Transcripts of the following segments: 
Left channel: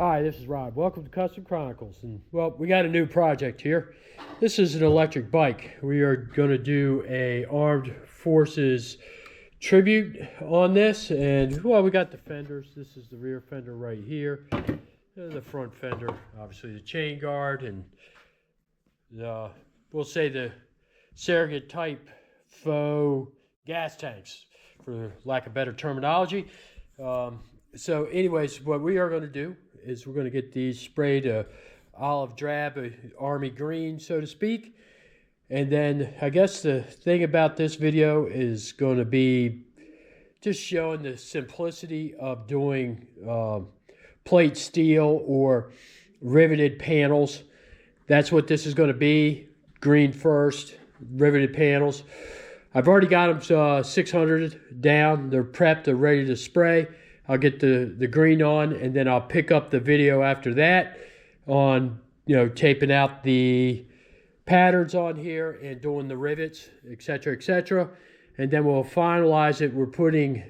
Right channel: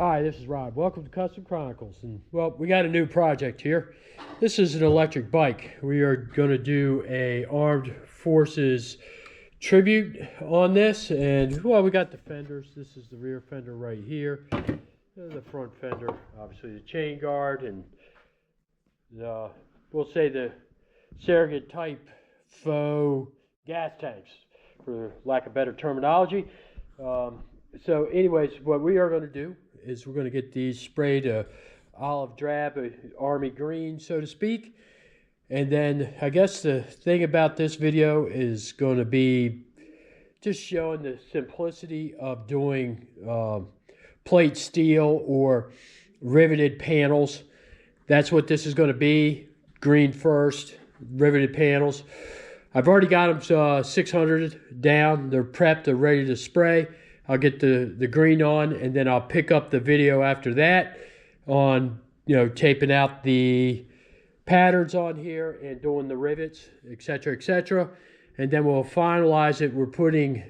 Hi, this is Rob. Welcome to Custom Chronicles. And well, we got a new project here. This is an electric bike. We are going to do a Armed Forces tribute on this. And well, we got the fenders. This is the rear fender right here. The front fender, obviously the chain guard, and we'll say the surrogate type faux gas tanks, for lack of better terminology. So anyways, what we are going to do is we're going to get these sprayed olive drab, army green, so to speak. And then I guess the thing about this video is going to be just showing the simplicity of doing plate steel or riveted panels. That's what this is going to be. Green first, riveted panels. I've already got them 600 down. They're prepped. They're ready to spray. I'll get the green on, and then I'll pick up the video after that on, taping out the patterns on here and doing the rivets, etc., etc. And then we'll finalize it. We're putting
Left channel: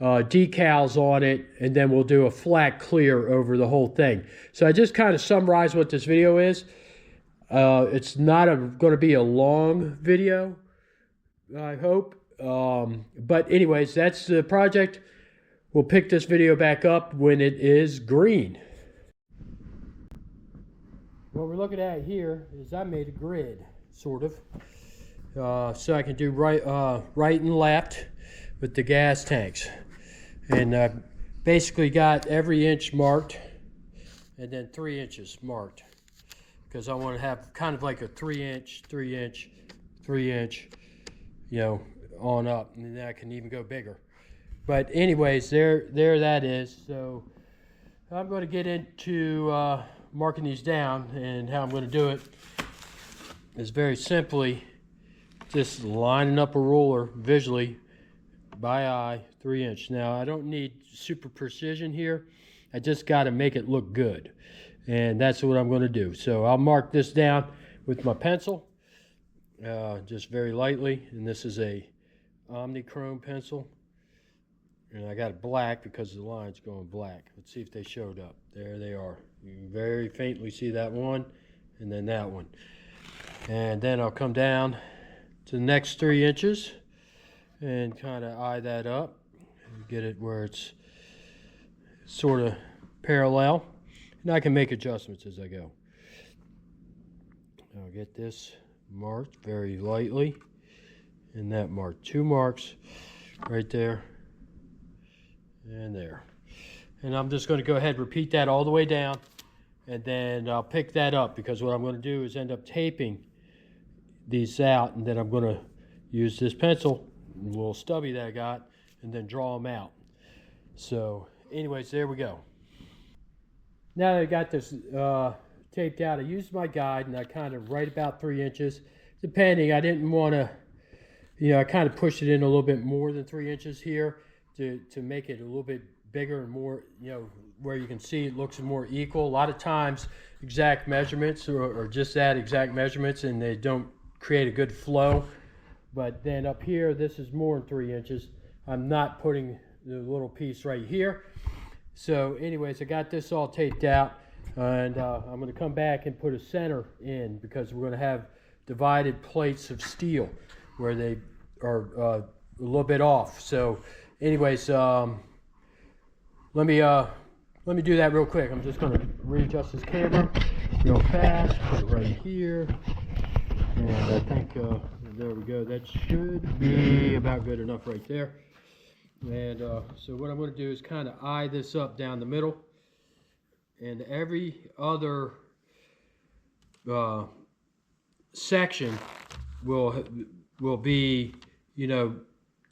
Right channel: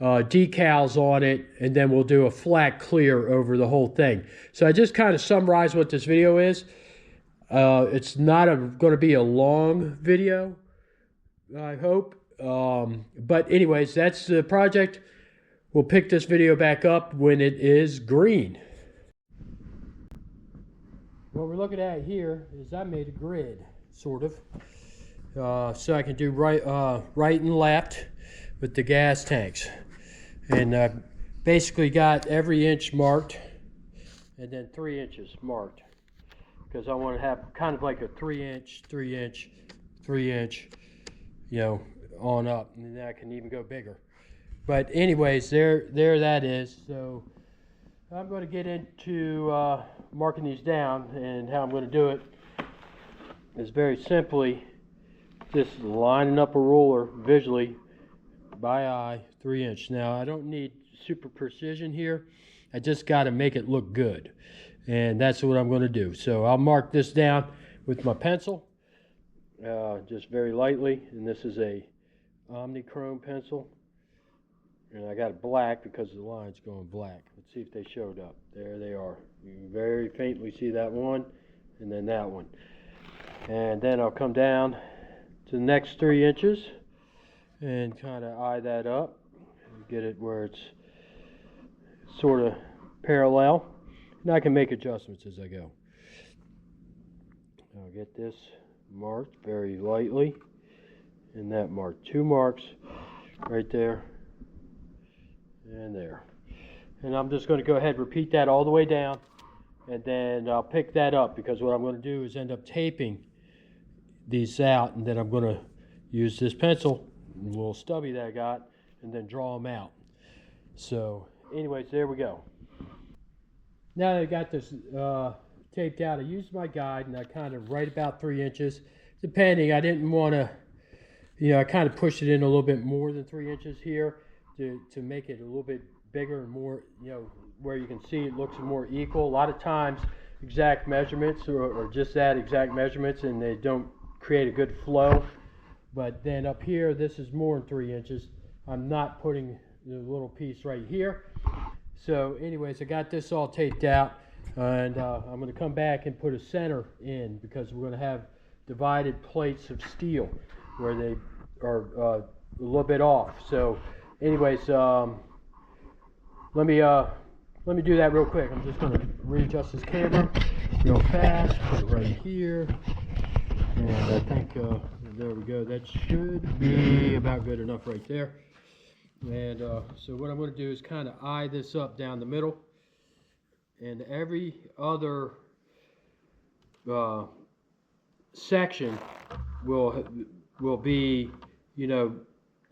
decals on it, and then we'll do a flat clear over the whole thing. So I just kind of summarize what this video is. It's not going to be a long video, I hope. But anyways, that's the project. We'll pick this video back up when it is green. What we're looking at here is I made a grid, sort of, so I can do right and left with the gas tanks. And basically got every inch marked, and then 3 inches marked, because I want to have kind of like a 3 inch, 3 inch, 3 inch, on up, and then I can even go bigger. But anyways, there that is. So I'm going to get into marking these down, and how I'm going to do it is very simply just lining up a ruler visually by eye, 3 inch. Now I don't need super precision here. I just got to make it look good, and that's what I'm going to do. So I'll mark this down with my pencil, just very lightly, and this is a Omnichrome pencil. And I got it black because the line's going black. Let's see if they showed up. There they are. You can very faintly see that one, and then that one. And then I'll come down to the next 3 inches and kind of eye that up and get it where it's sort of parallel. And I can make adjustments as I go. I'll get this marked very lightly, and that mark. 2 marks right there. And there. And I'm just going to go ahead and repeat that all the way down, and then I'll pick that up, because what I'm going to do is end up taping these out, and then I'm going to use this pencil, a little stubby that I got, and then draw them out. So anyways, there we go. Now that I got this taped out, I used my guide, and I kind of right about 3 inches, depending. I didn't want to, I kind of pushed it in a little bit more than 3 inches here, to make it a little bit bigger and more, where you can see it looks more equal. A lot of times exact measurements or just that exact measurements, and they don't create a good flow. But then up here, this is more than 3 inches. I'm not putting the little piece right here. So anyways, I got this all taped out, and I'm going to come back and put a center in, because we're going to have divided plates of steel where they are a little bit off. So anyways, let me do that real quick. I'm just going to readjust this camera real fast, put it right here, and I think there we go. That should be about good enough right there. And so what I'm going to do is kind of eye this up down the middle, and every other section will be,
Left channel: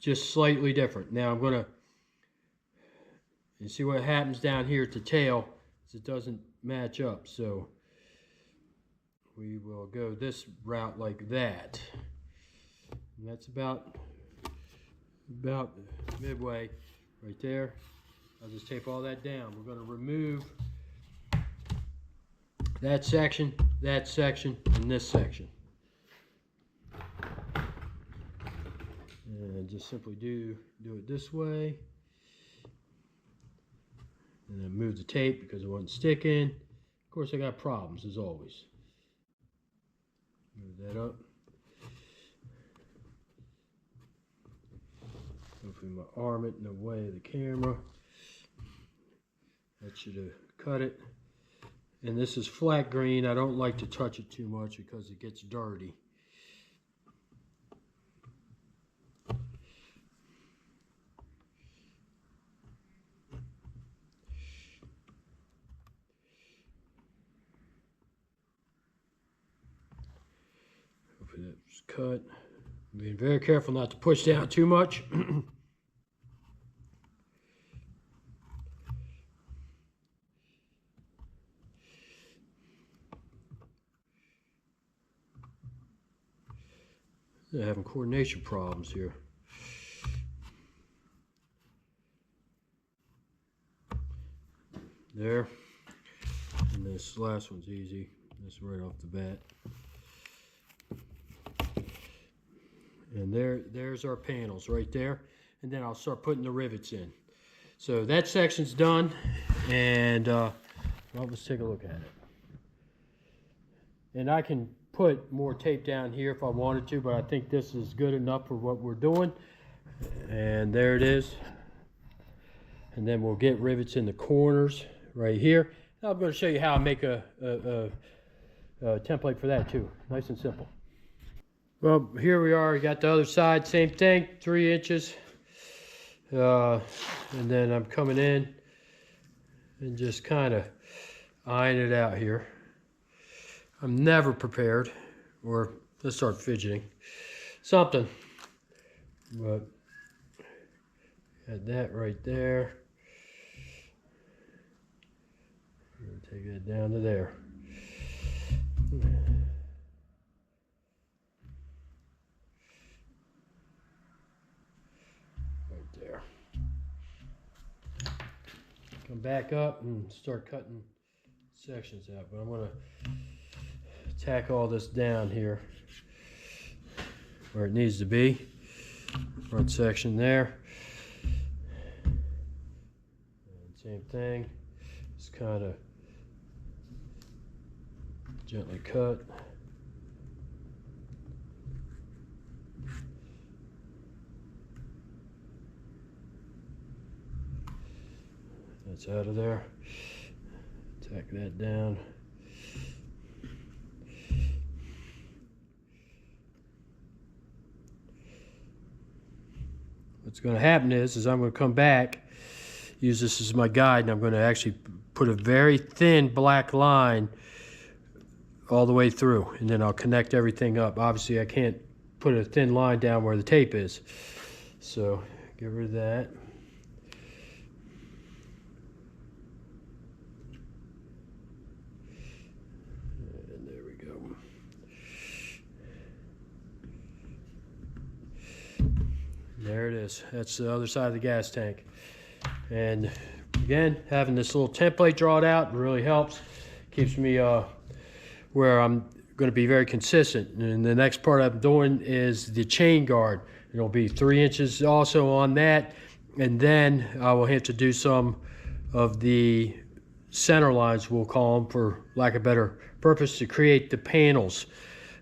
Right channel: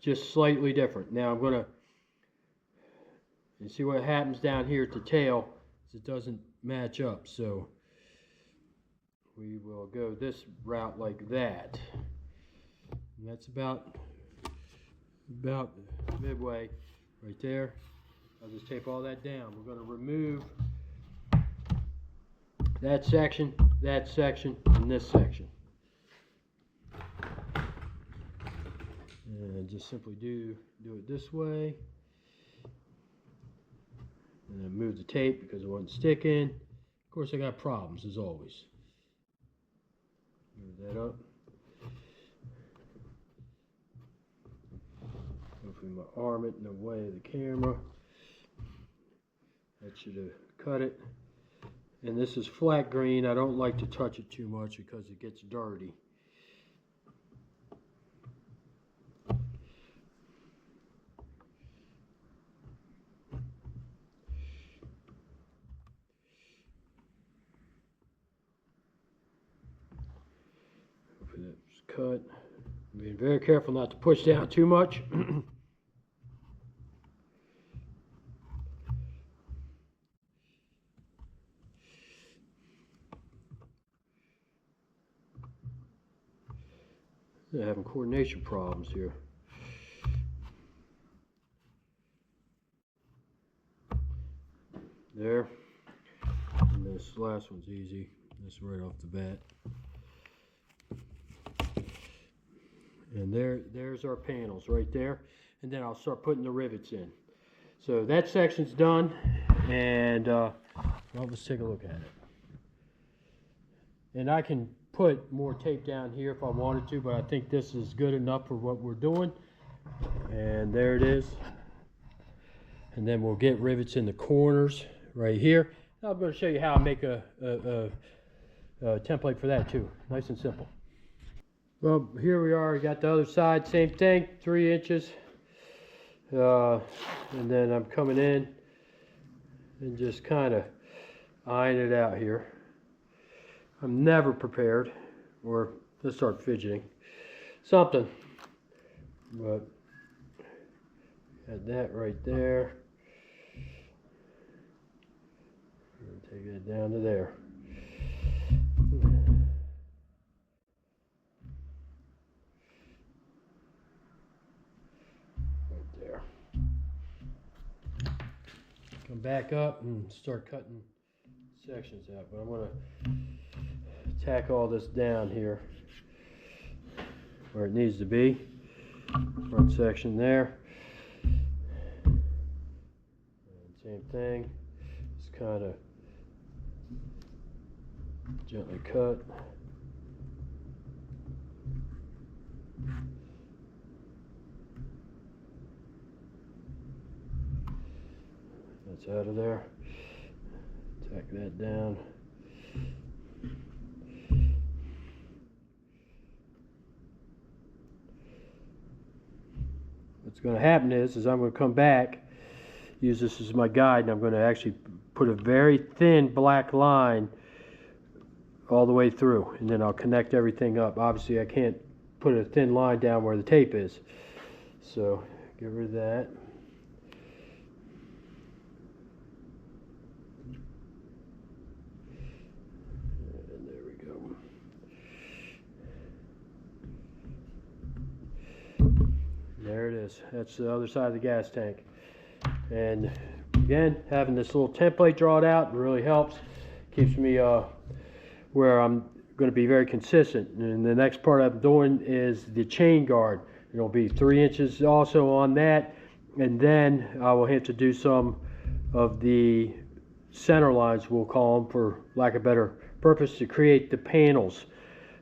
just slightly different. Now I'm going to, you see what happens down here at the tail is it doesn't match up. So we will go this route like that. And that's about midway right there. I'll just tape all that down. We're going to remove that section, and this section. And just simply do it this way. And then move the tape because it wasn't sticking. Of course, I got problems as always. Move that up. Hopefully my arm isn't in the way of the camera. That should have cut it. And this is flat green. I don't like to touch it too much because it gets dirty. Hopefully that's cut. Being very careful not to push down too much. They're having coordination problems here. There. And this last one's easy. This right off the bat. And there's our panels right there. And then I'll start putting the rivets in. So that section's done. And well, let's take a look at it. And I can put more tape down here if I wanted to, but I think this is good enough for what we're doing. And there it is. And then we'll get rivets in the corners right here. Now I'm going to show you how I make a template for that too. Nice and simple. Well, here we are. We got the other side, same thing, 3 inches. And then I'm coming in and just kind of eyeing it out here. I'm never prepared, or let's start fidgeting. Something. But got that right there. And take that down to there. Right there. Come back up and start cutting sections out. But I'm going to tack all this down here where it needs to be. Front section there. And same thing. Just kind of gently cut. That's out of there. Tack that down. What's going to happen is I'm going to come back, use this as my guide, and I'm going to actually put a very thin black line all the way through, and then I'll connect everything up. Obviously, I can't put a thin line down where the tape is, so get rid of that. And there we go. There it is. That's the other side of the gas tank. And again, having this little template drawn out really helps. Keeps me where I'm going to be very consistent. And the next part I'm doing is the chain guard. It'll be 3 inches also on that. And then I will have to do some of the center lines, we'll call them, for lack of a better purpose, to create the panels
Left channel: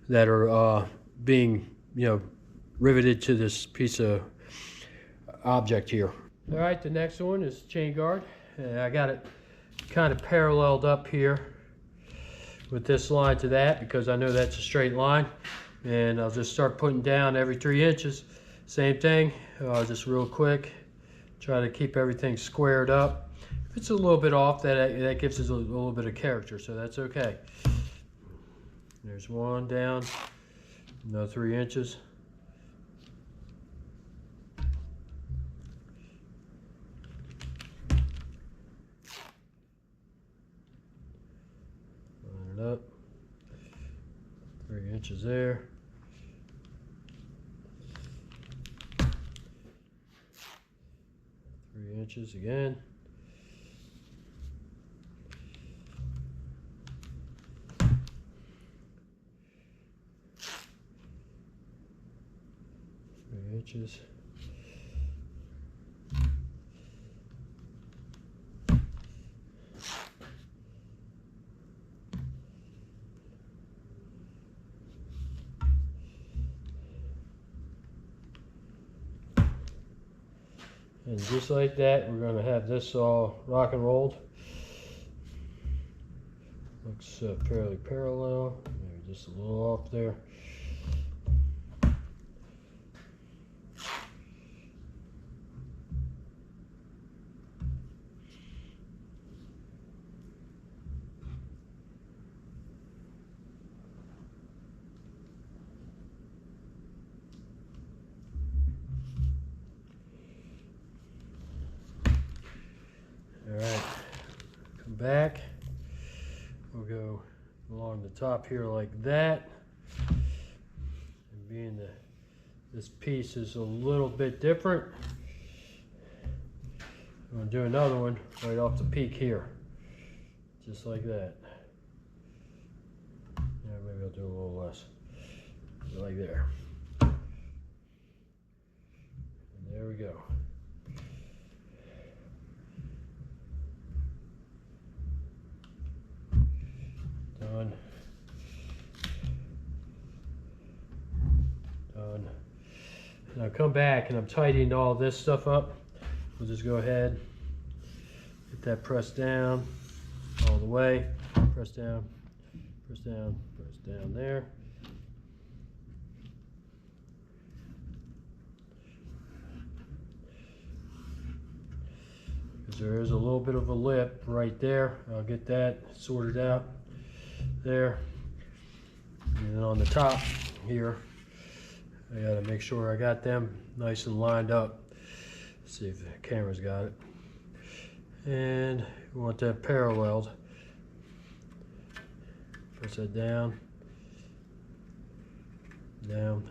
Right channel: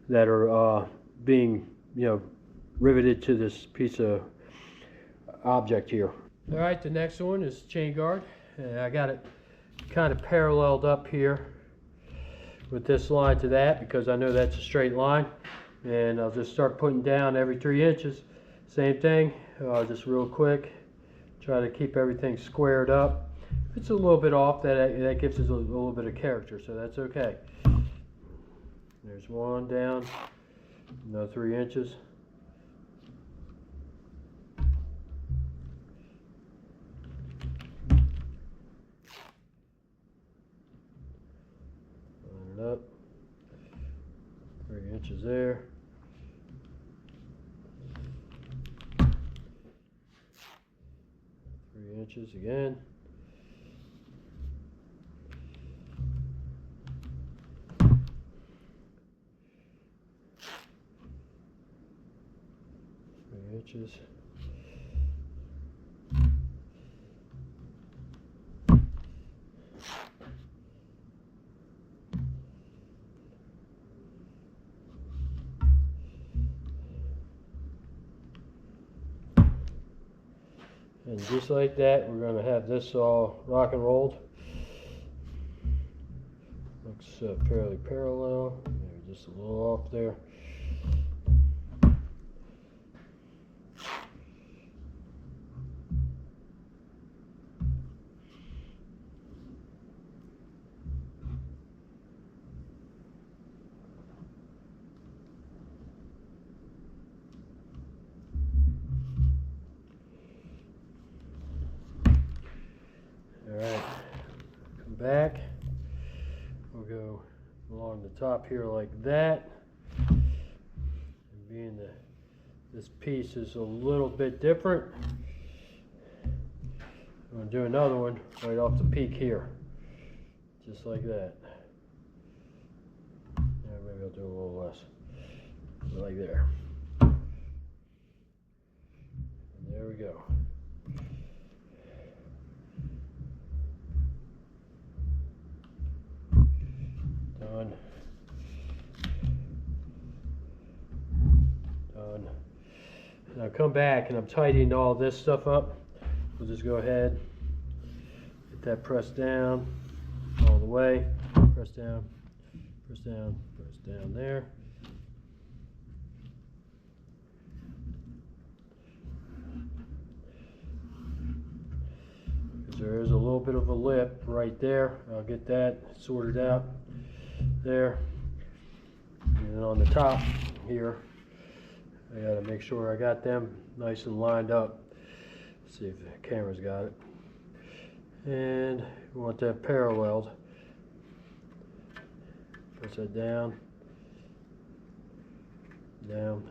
that are being, riveted to this piece of object here. All right, the next one is chain guard. I got it kind of paralleled up here with this line to that because I know that's a straight line. And I'll just start putting down every 3 inches. Same thing, just real quick. Try to keep everything squared up. If it's a little bit off, that gives us a little bit of character, so that's okay. There's one down, another 3 inches. Line it up. 3 inches there. 3 inches again. Inches. And just like that, we're going to have this all rock and rolled. Looks fairly parallel, maybe just a little off there. Alright, come back. We'll go along the top here like that. And being that this piece is a little bit different, I'm going to do another one right off the peak here. Just like that. Yeah, maybe I'll do a little less. Like there. And there we go. Done. Done. Now come back and I'm tidying all this stuff up. We'll just go ahead, get that pressed down all the way. Press down, press down, press down there. Because there is a little bit of a lip right there. I'll get that sorted out there. And then on the top here, I got to make sure I got them nice and lined up. See if the camera's got it. And we want that paralleled. Press that down, down.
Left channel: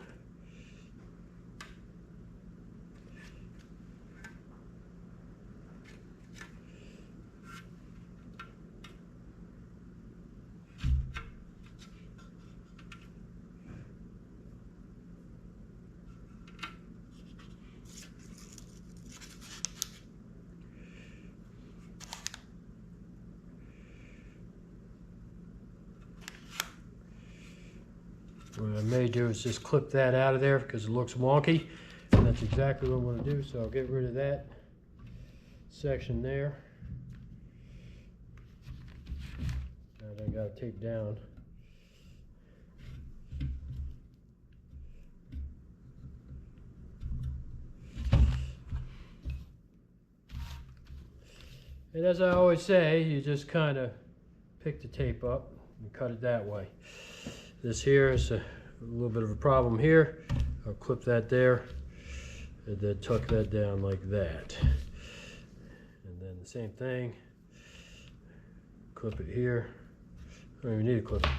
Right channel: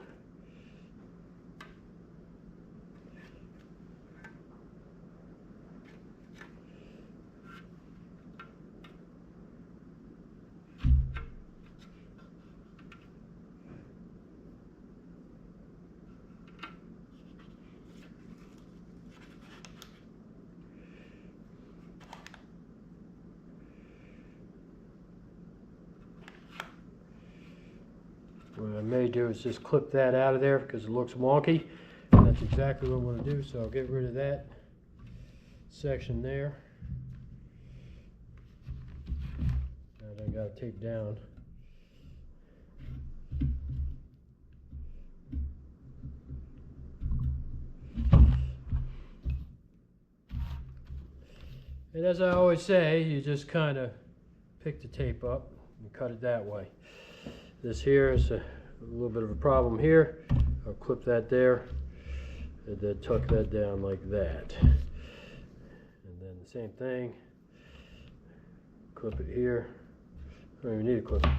What I may do is just clip that out of there because it looks wonky. And that's exactly what I'm going to do. So I'll get rid of that section there. And I got to tape down. And as I always say, you just kind of pick the tape up and cut it that way. This here is a little bit of a problem here. I'll clip that there and then tuck that down like that. And then the same thing, clip it here. I don't even need to clip it.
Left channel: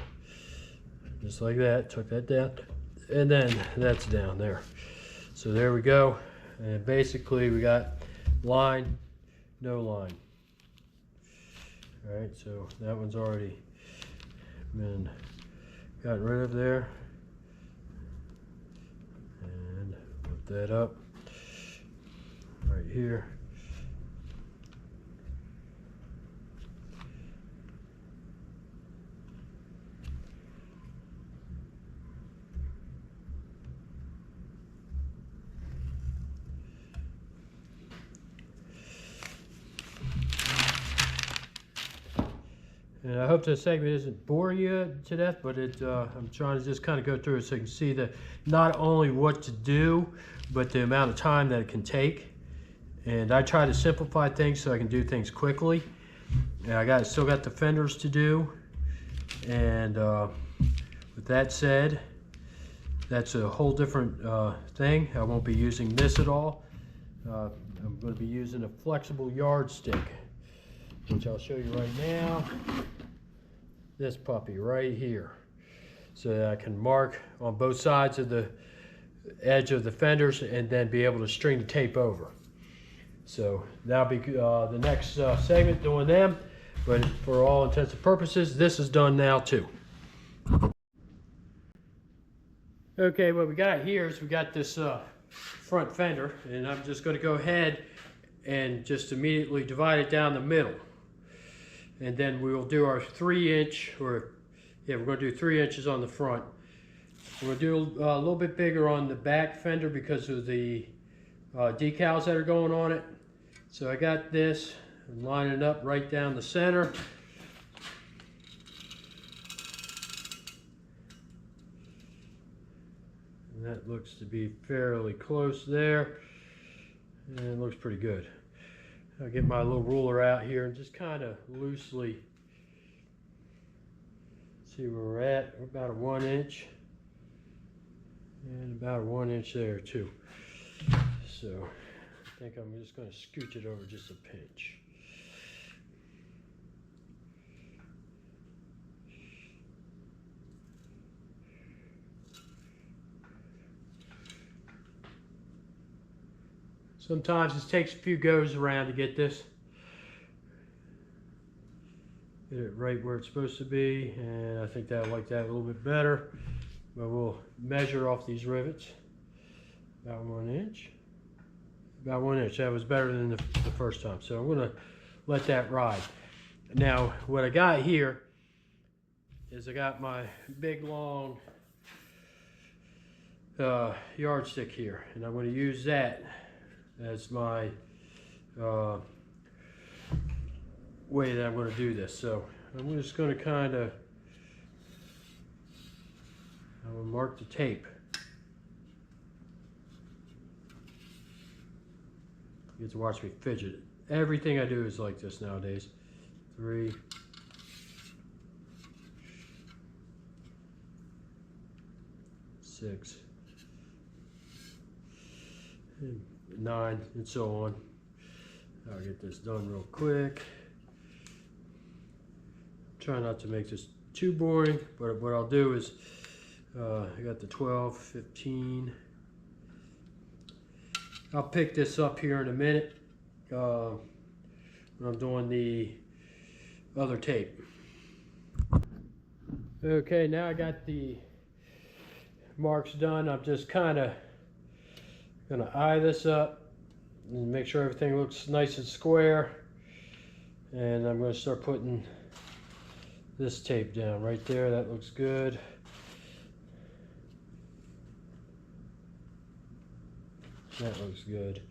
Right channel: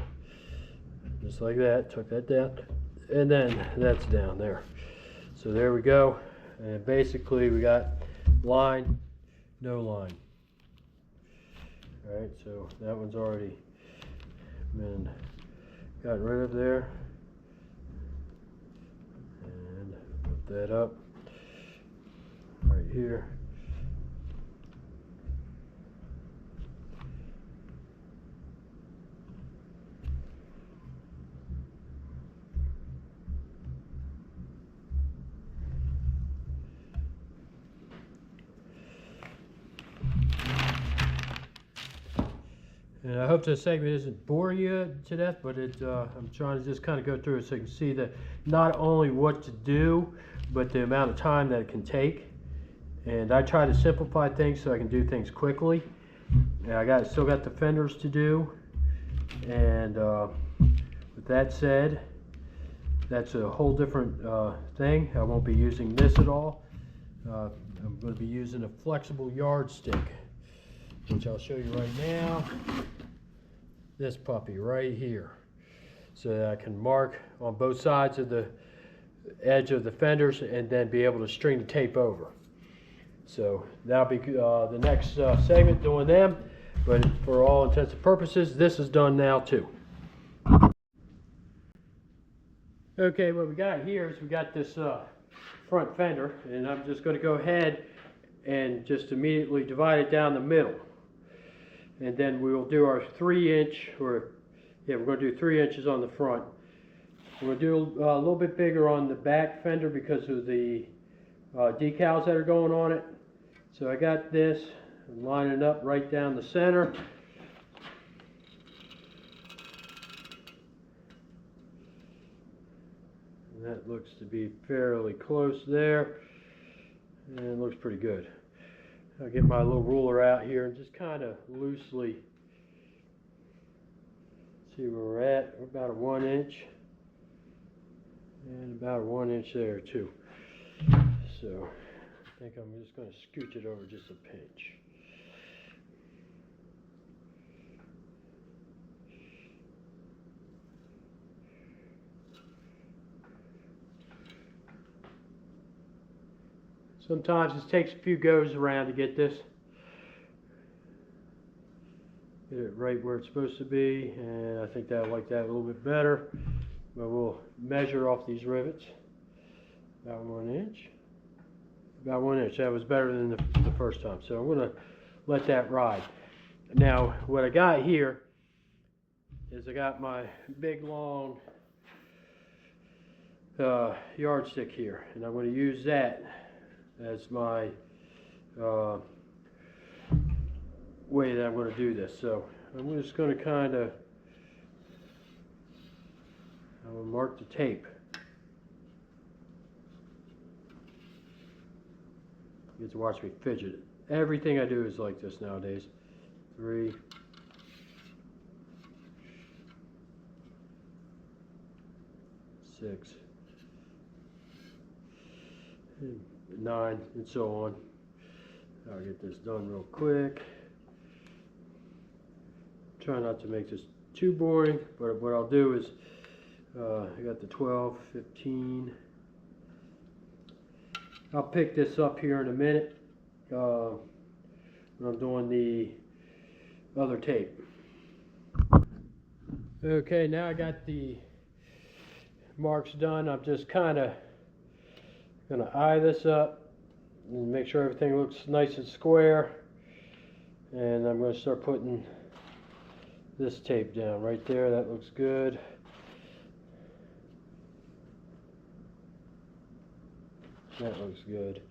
Just like that, tuck that down. And then that's down there. So there we go. And basically we got line, no line. All right, so that one's already been got rid of there, and put that up right here. And I hope this segment isn't boring you to death, but I'm trying to just kind of go through it so you can see that not only what to do, but the amount of time that it can take. And I try to simplify things so I can do things quickly. And I still got the fenders to do. And with that said, that's a whole different thing. I won't be using this at all. I'm going to be using a flexible yardstick, which I'll show you right now. This puppy right here, so that I can mark on both sides of the edge of the fenders and then be able to string the tape over. So that'll be the next segment doing them, but for all intents and purposes, this is done now too. Okay, what we got here is we got this front fender, and I'm just going to go ahead and just immediately divide it down the middle. And then we will do our 3-inch, or yeah, we're going to do 3 inches on the front. We're going to do a little bit bigger on the back fender because of the decals that are going on it. So I got this and line it up right down the center. And that looks to be fairly close there, and it looks pretty good. I'll get my little ruler out here and just kind of loosely see where we're at. We're about a 1 inch, and about a 1 inch there too. So I think I'm just going to scooch it over just a pinch. Sometimes it takes a few goes around to get this. Get it right where it's supposed to be, and I think I like that a little bit better. But we'll measure off these rivets. About 1 inch. About 1 inch. That was better than the first time. So I'm going to let that ride. Now, what I got here is I got my big long yardstick here, and I'm going to use that as my way that I'm going to do this. So I'm just going to kind of mark the tape. You get to watch me fidget. Everything I do is like this nowadays. 3, 6, 9, and so on. I'll get this done real quick. Try not to make this too boring, but what I'll do is I got the 12, 15. I'll pick this up here in a minute when I'm doing the other tape. Okay, now I got the marks done. I'm just kind of going to eye this up and make sure everything looks nice and square. And I'm going to start putting this tape down right there. That looks good. That looks good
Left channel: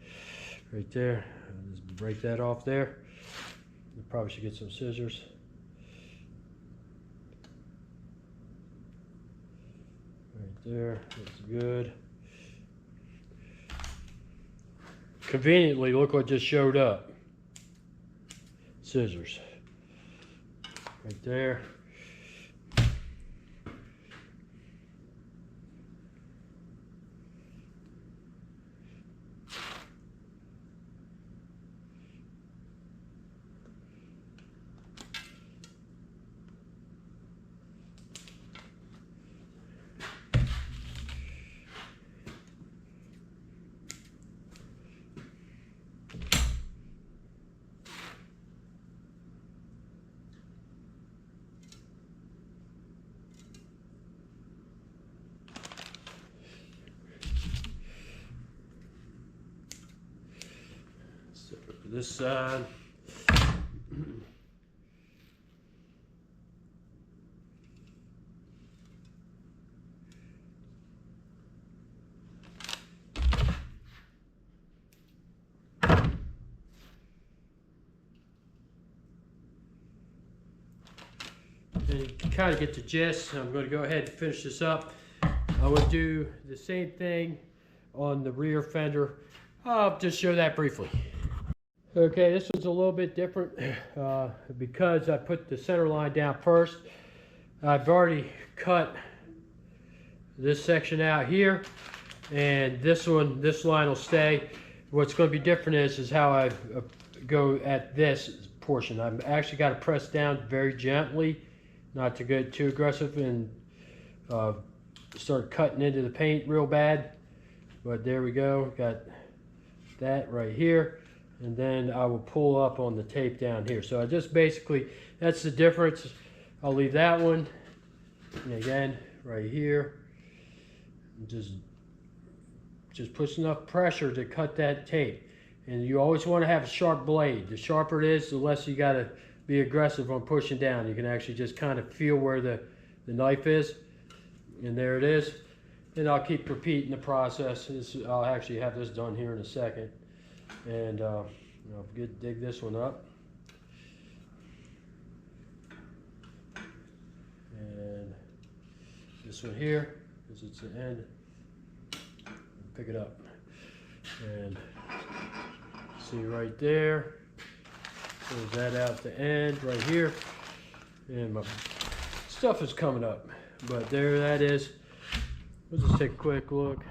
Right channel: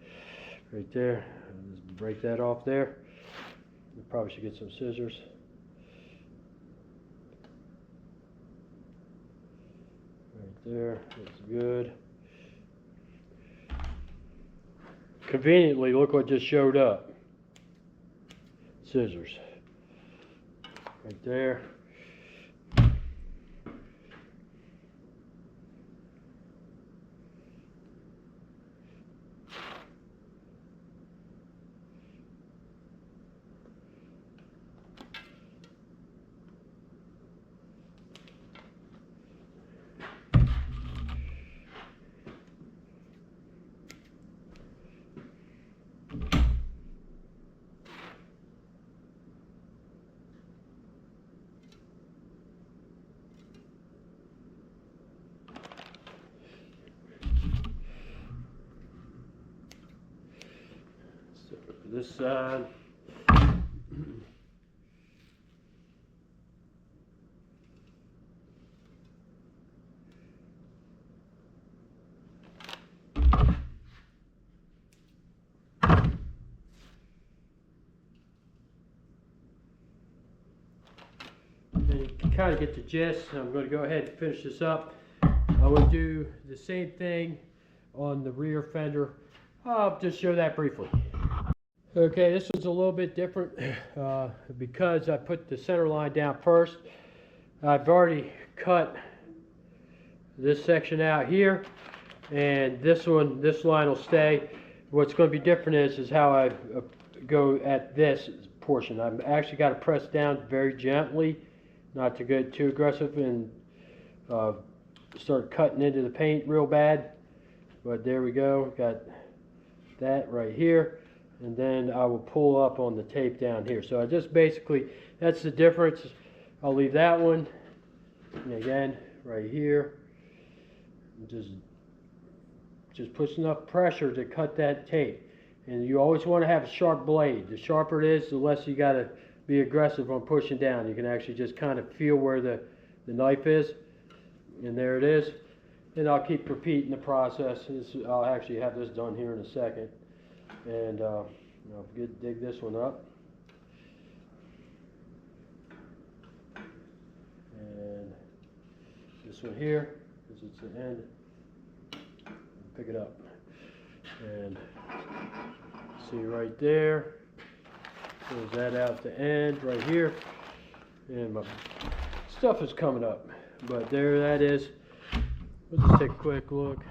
right there. I'll just break that off there. You probably should get some scissors. Right there, looks good. Conveniently, look what just showed up. Scissors. Right there. This side. And you can kind of get the gist. I'm going to go ahead and finish this up. I will do the same thing on the rear fender. I'll just show that briefly. Okay, this one's a little bit different because I put the center line down first. I've already cut this section out here, and this line will stay. What's going to be different is how I go at this portion. I've actually got to press down very gently, not to get too aggressive and start cutting into the paint real bad. But there we go, got that right here. And then I will pull up on the tape down here. So I just basically, that's the difference. I'll leave that one. And again, right here. Just puts enough pressure to cut that tape. And you always want to have a sharp blade. The sharper it is, the less you got to be aggressive on pushing down. You can actually just kind of feel where the knife is. And there it is. And I'll keep repeating the process. I'll actually have this done here in a second. And I'll dig this one up. And this one here, because it's the end, pick it up. And see right there, close that out at the end right here. And my stuff is coming up. But there that is. Let's just take a quick look.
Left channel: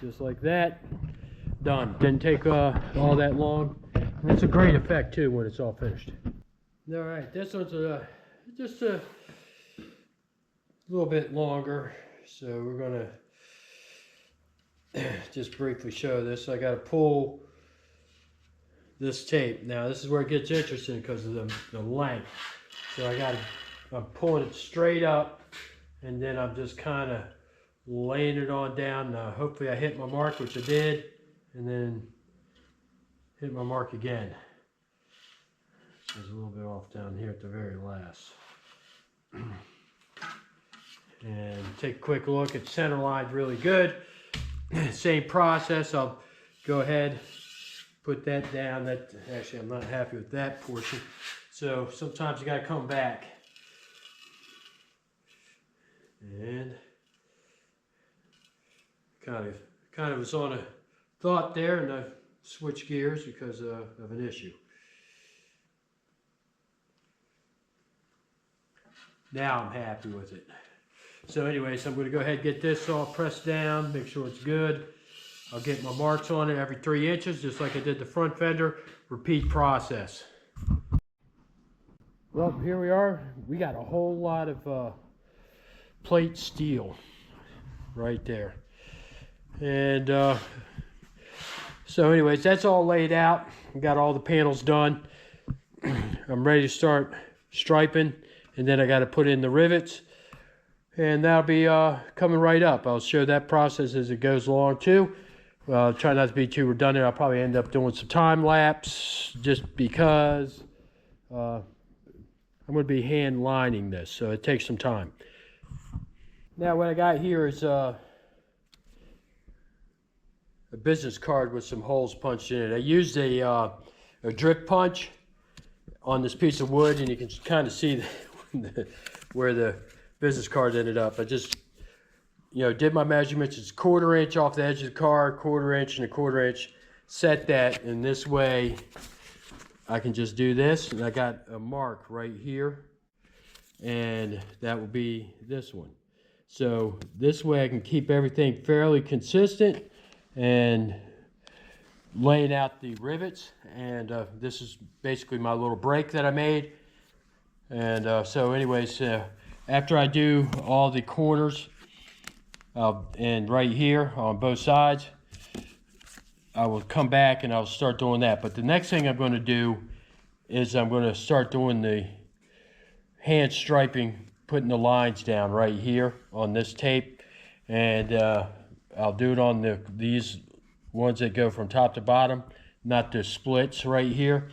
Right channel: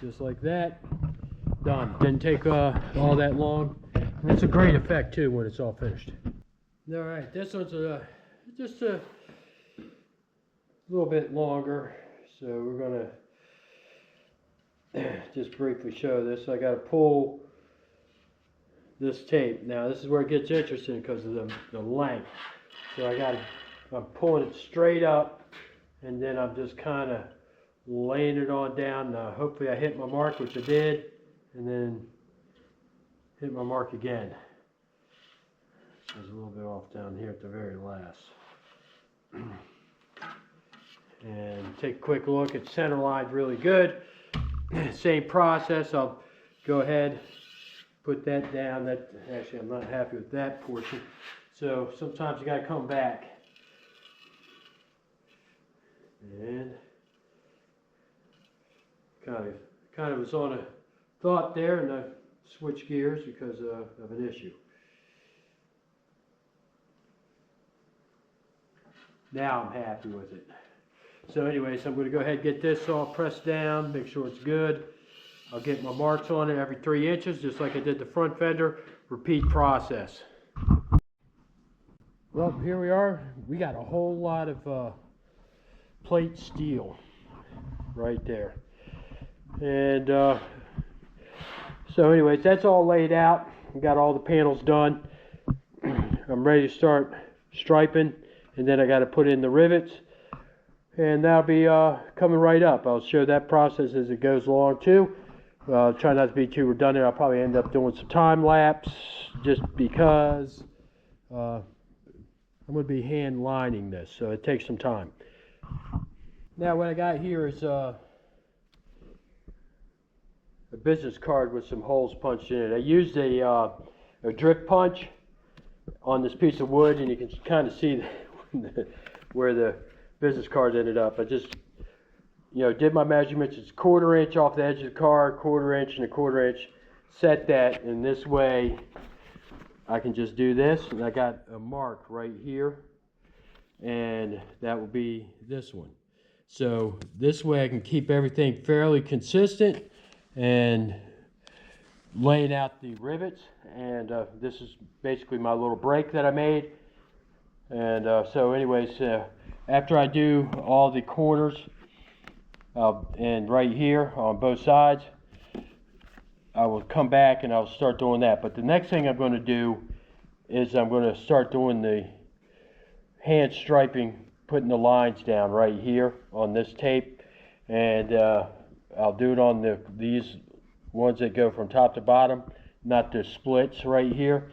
Just like that. Done. Didn't take all that long. And it's a great effect too when it's all finished. All right, this one's just a little bit longer. So we're gonna just briefly show this. I got to pull this tape. Now this is where it gets interesting because of the length. So I'm pulling it straight up, and then I'm just kind of laying it on down. Hopefully I hit my mark, which I did, and then hit my mark again. There's a little bit off down here at the very last. And take a quick look. It's center lined really good. Same process. I'll go ahead, put that down. Actually, I'm not happy with that portion. So sometimes you got to come back. And kind of was on a thought there, and I switched gears because of an issue. Now I'm happy with it. So anyways, I'm going to go ahead and get this all pressed down, make sure it's good. I'll get my marks on it every 3 inches, just like I did the front fender. Repeat process. Well, here we are. We got a whole lot of plate steel right there. And so anyways, that's all laid out. We got all the panels done. I'm ready to start striping, and then I got to put in the rivets, and that'll be coming right up. I'll show that process as it goes along too. Try not to be too redundant. I'll probably end up doing some time lapse just because I'm going to be hand lining this, so it takes some time. Now what I got here is a business card with some holes punched in it. I used a drip punch on this piece of wood, and you can kind of see where the business card ended up. I just, did my measurements. It's 1/4 inch off the edge of the card, 1/4 inch and 1/4 inch. Set that, and this way I can just do this, and I got a mark right here, and that will be this one. So this way I can keep everything fairly consistent and laying out the rivets. And this is basically my little break that I made. And so anyways, after I do all the corners and right here on both sides, I will come back and I'll start doing that. But the next thing I'm going to do is I'm going to start doing the hand striping, putting the lines down right here on this tape. And I'll do it on these ones that go from top to bottom, not the splits right here.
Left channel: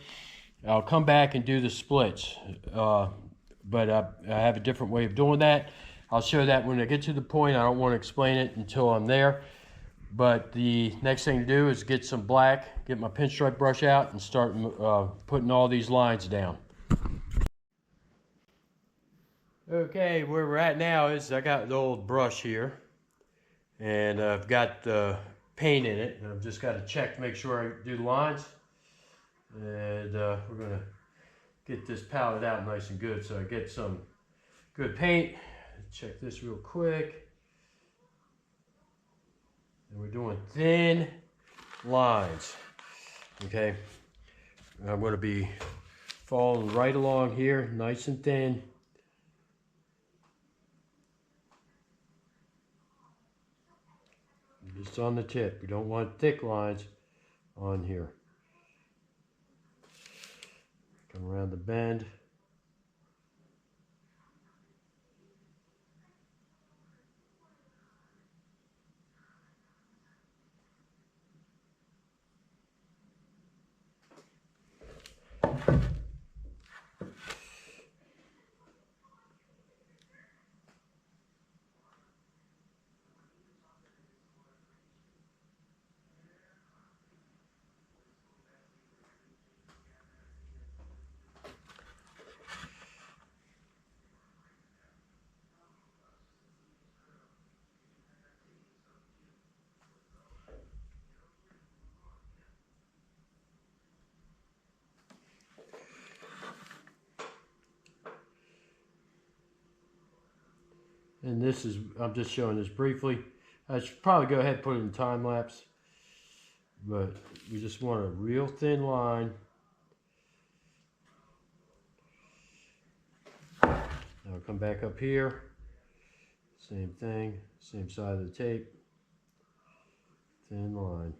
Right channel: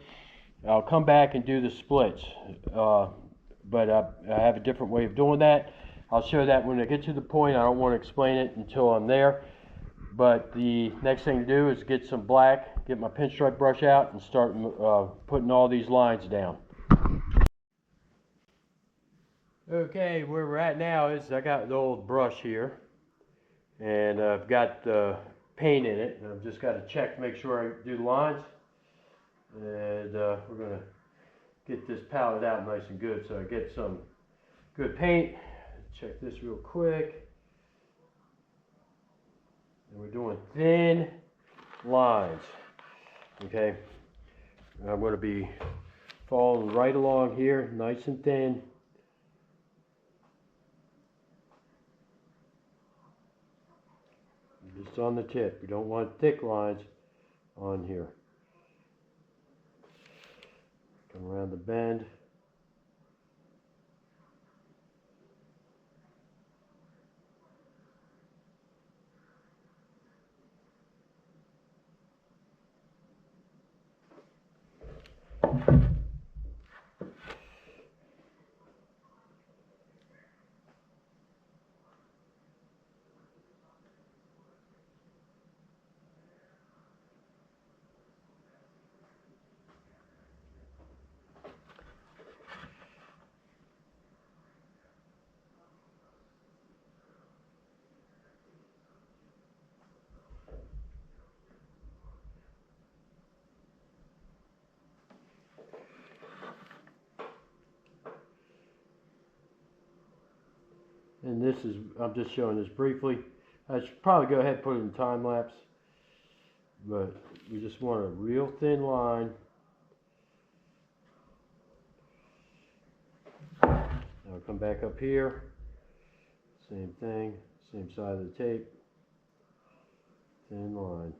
I'll come back and do the splits, but I have a different way of doing that. I'll show that when I get to the point. I don't want to explain it until I'm there. But the next thing to do is get some black, get my pinstripe brush out, and start putting all these lines down. Okay, where we're at now is I got the old brush here, and I've got the paint in it, and I've just got to check to make sure I do the lines. And we're going to get this palette out nice and good, so I get some good paint. Check this real quick. And we're doing thin lines, okay? And I'm going to be following right along here, nice and thin. Just on the tip. We don't want thick lines on here. Come around the bend. and this is, I'm just showing this briefly. I should probably go ahead and put it in time lapse, but we just want a real thin line. I'll come back up here, same thing, same side of the tape, thin line.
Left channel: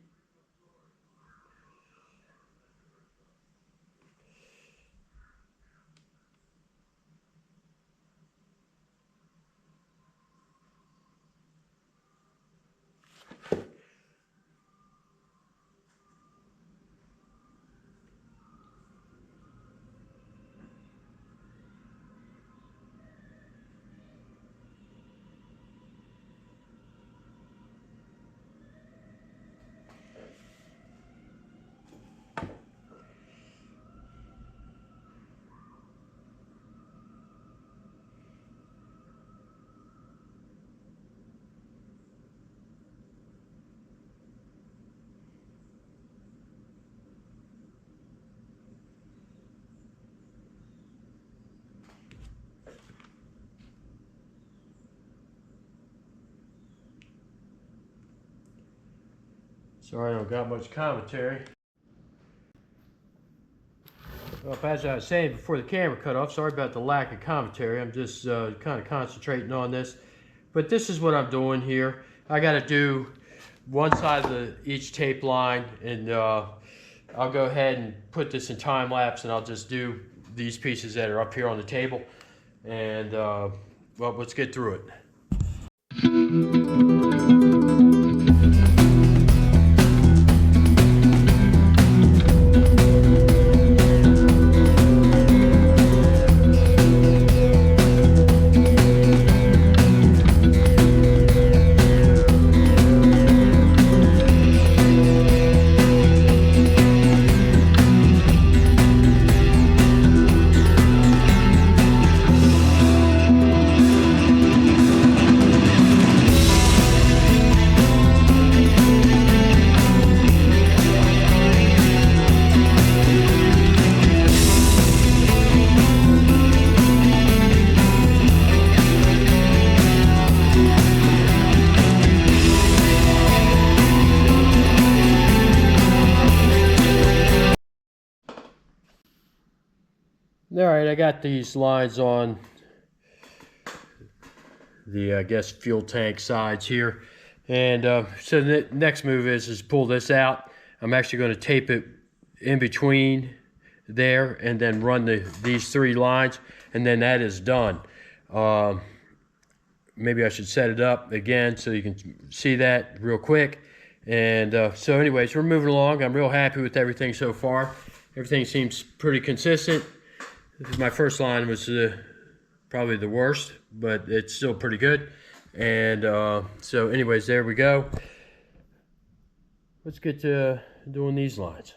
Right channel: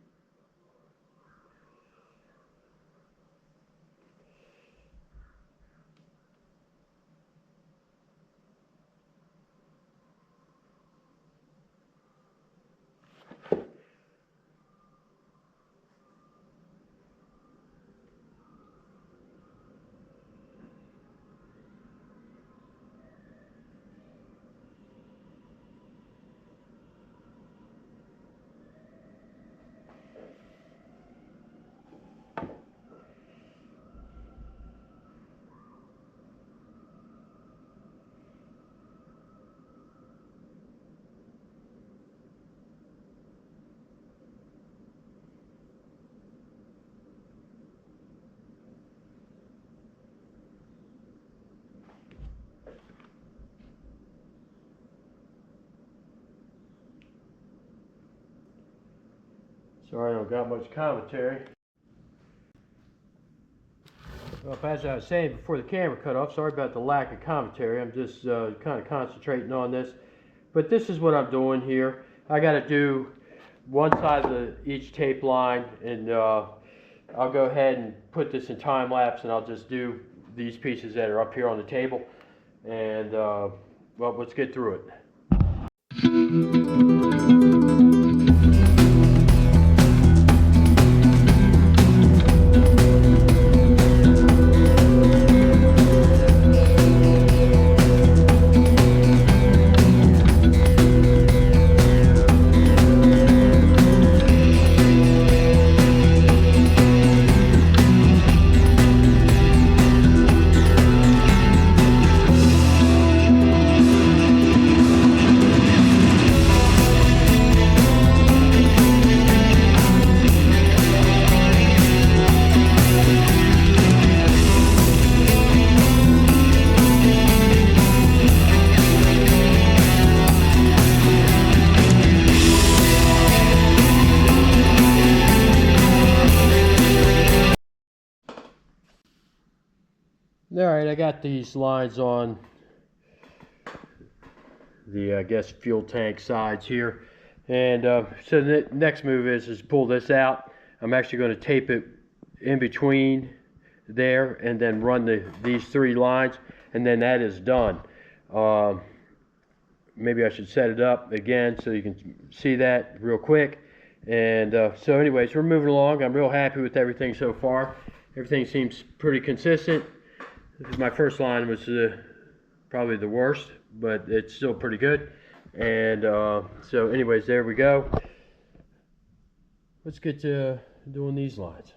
Sorry I don't got much commentary. Well, as I was saying before the camera cut off, sorry about the lack of commentary. I'm just kind of concentrating on this. But this is what I'm doing here. I got to do one side of each tape line, and I'll go ahead and put this in time lapse, and I'll just do these pieces that are up here on the table. And well, let's get through it. Alright, I got these lines on the, I guess, fuel tank sides here. And so the next move is pull this out. I'm actually going to tape it in between there and then run these three lines, and then that is done. Maybe I should set it up again so you can see that real quick. And so anyways, we're moving along. I'm real happy with everything so far. Everything seems pretty consistent. My first line was probably the worst, but it's still pretty good. And so anyways, there we go. Let's get to doing these lines.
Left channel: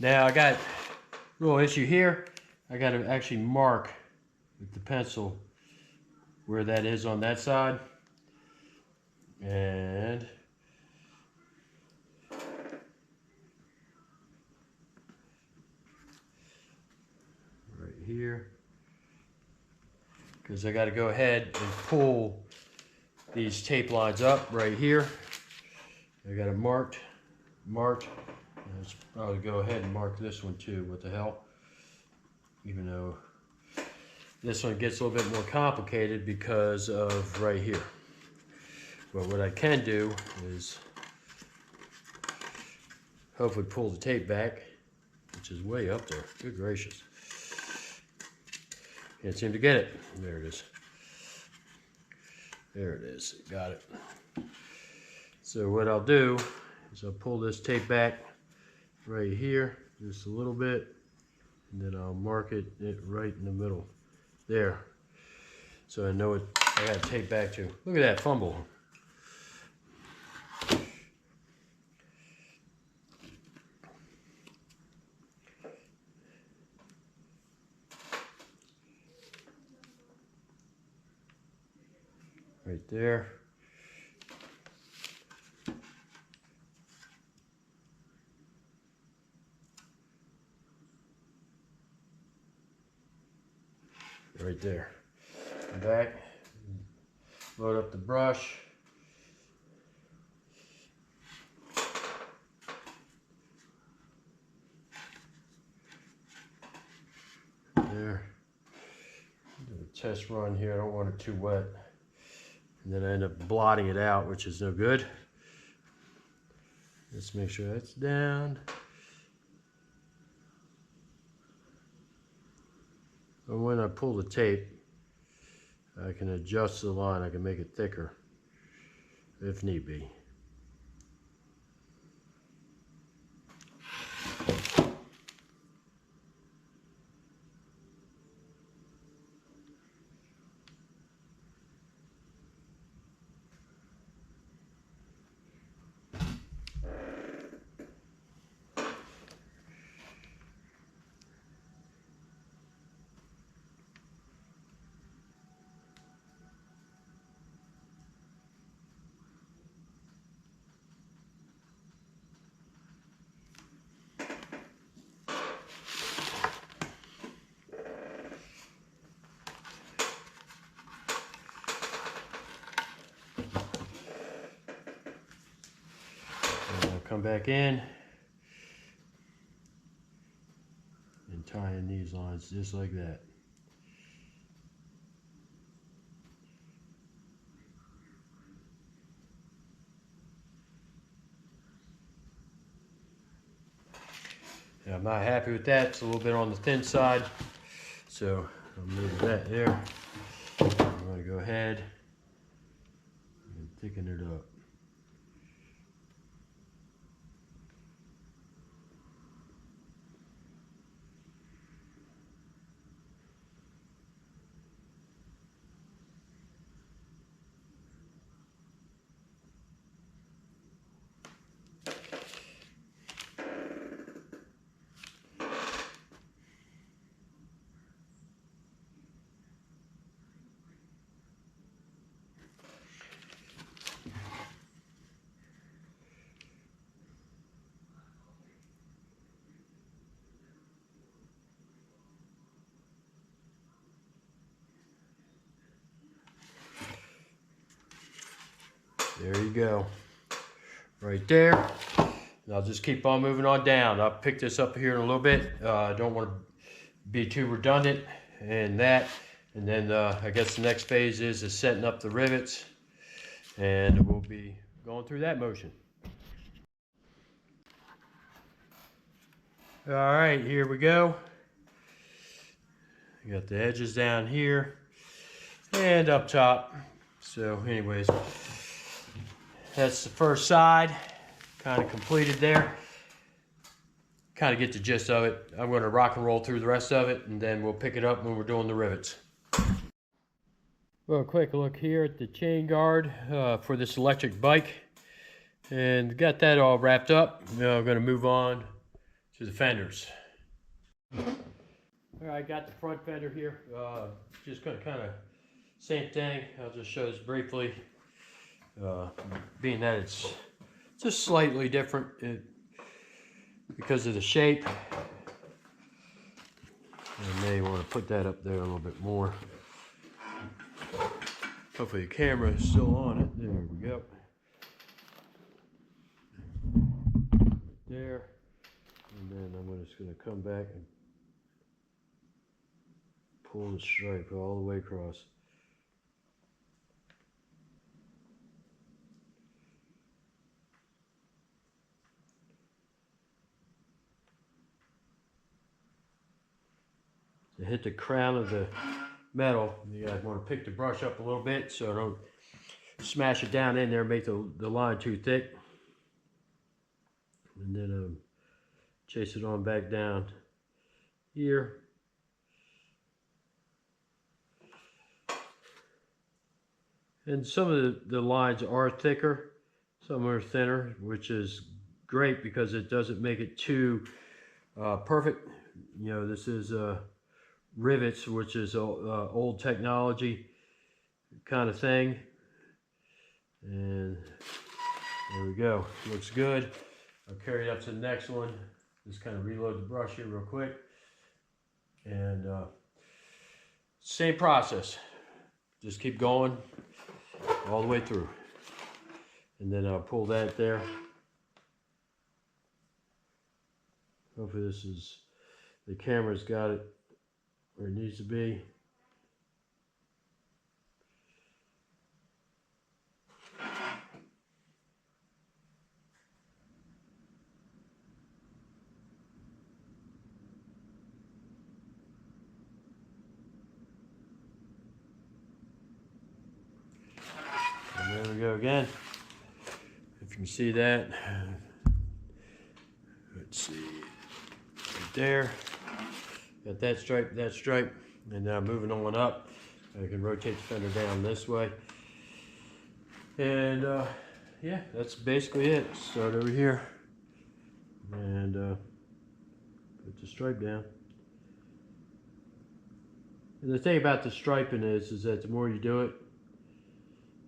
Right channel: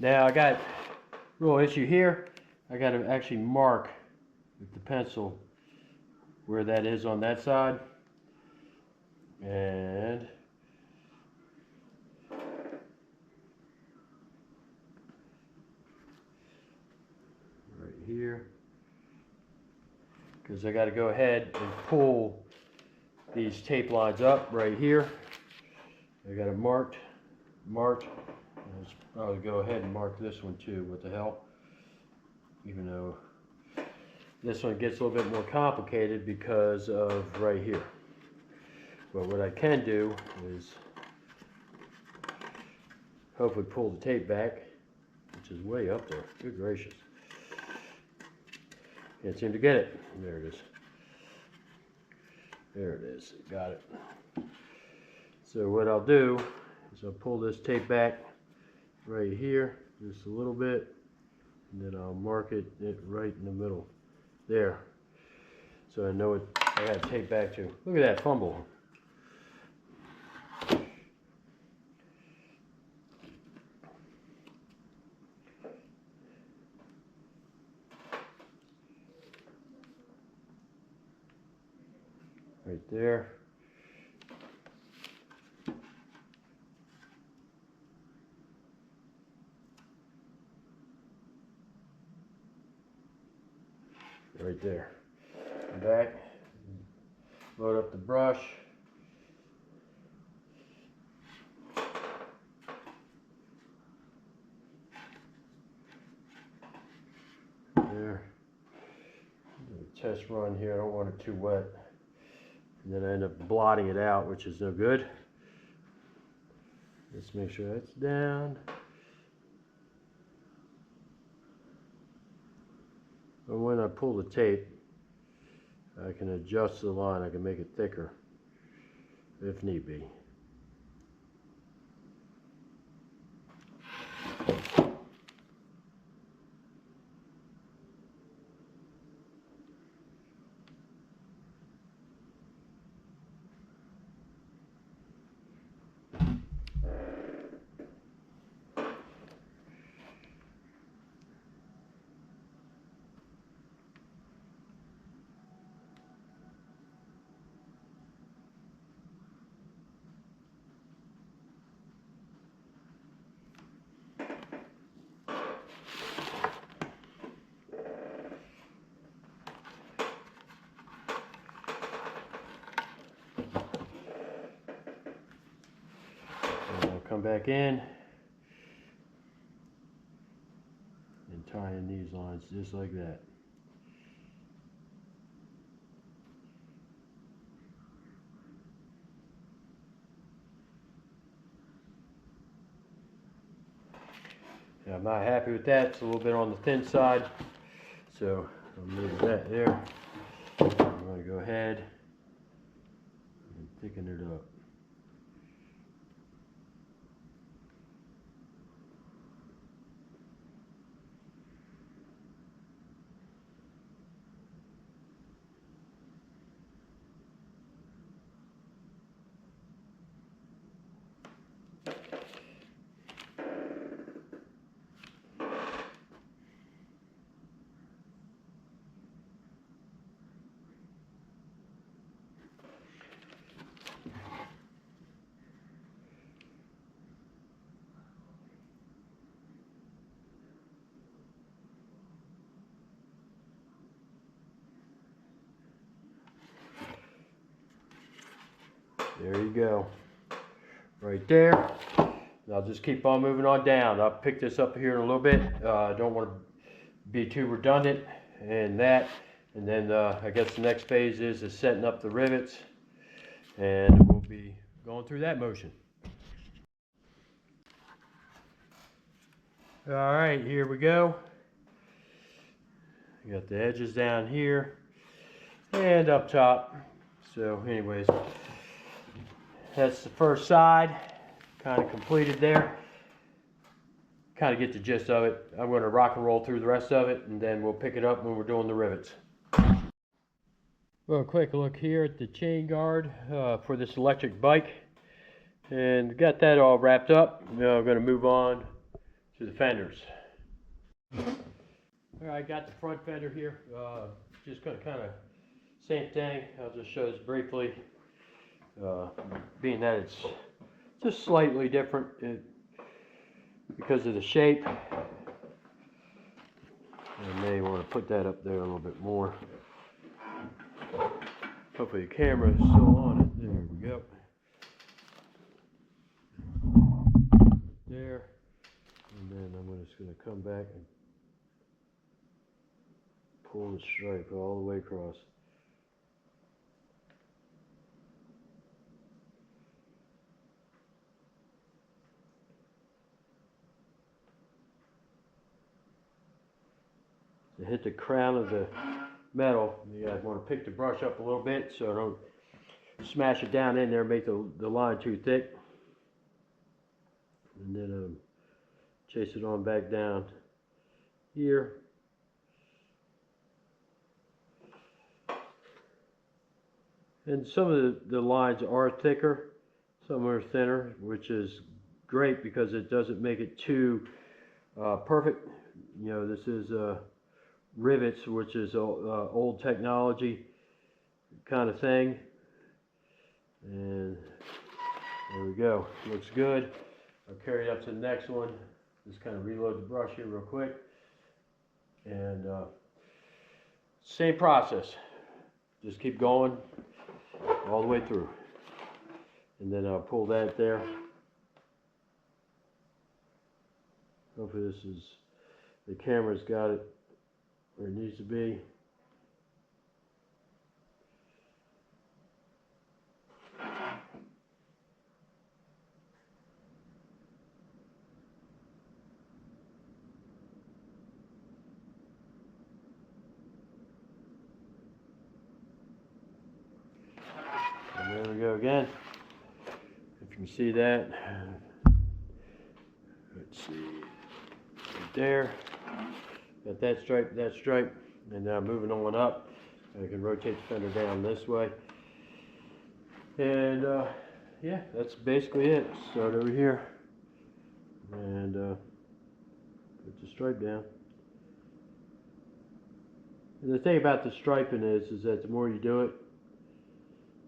Now I got a little issue here. I got to actually mark with the pencil where that is on that side. And right here, because I got to go ahead and pull these tape lines up right here. I got it marked. Let's probably go ahead and mark this one too. What the hell? Even though this one gets a little bit more complicated because of right here. But what I can do is hopefully pull the tape back, which is way up there. Good gracious. Can't seem to get it. There it is. There it is. Got it. So what I'll do is I'll pull this tape back right here just a little bit, and then I'll mark it right in the middle there. So I know what I got to tape back to. Look at that fumble. Right there. right there. Come back, load up the brush. There. Do a test run here. I don't want it too wet. And then I end up blotting it out, which is no good. Let's make sure that's down. And when I pull the tape, I can adjust the line. I can make it thicker if need be. Come back in and tie in these lines just like that. Now, I'm not happy with that. It's a little bit on the thin side, so I'll move that there. I'm going to go ahead and thicken it up. There you go, right there. And I'll just keep on moving on down. I'll pick this up here in a little bit. I don't want to be too redundant in that. And then I guess the next phase is setting up the rivets, and we'll be going through that motion. All right, here we go. You got the edges down here and up top. So anyways, that's the first side, kind of completed there. Kind of get the gist of it. I'm going to rock and roll through the rest of it, and then we'll pick it up when we're doing the rivets. Well, a quick look here at the chain guard for this electric bike, and got that all wrapped up. Now I'm going to move on to the fenders. All right, got the front fender here. Just going to kind of same thing. I'll just show this briefly. Being that it's just slightly different because of the shape. I may want to put that up there a little bit more. Hopefully the camera is still on it. There we go. There. And then I'm just going to come back and pull the stripe all the way across. To hit the crown of the metal, you guys want to pick the brush up a little bit so I don't smash it down in there and make the line too thick. And then chase it on back down here. And some of the lines are thicker, some are thinner, which is great because it doesn't make it too perfect. You know, this is Rivets, which is old technology kind of thing. And there we go. Looks good. I'll carry it up to the next one. Just kind of reload the brush here real quick. And Same process. Just keep going all the way through. And then I'll pull that there. Hopefully this is, the camera's got it where it needs to be. And there we go again. If you can see that. Let's see. Right there. Got that stripe, and now moving on up. I can rotate the fender down this way. And yeah, that's basically it. Start over here and put the stripe down. And the thing about the striping is that the more you do it,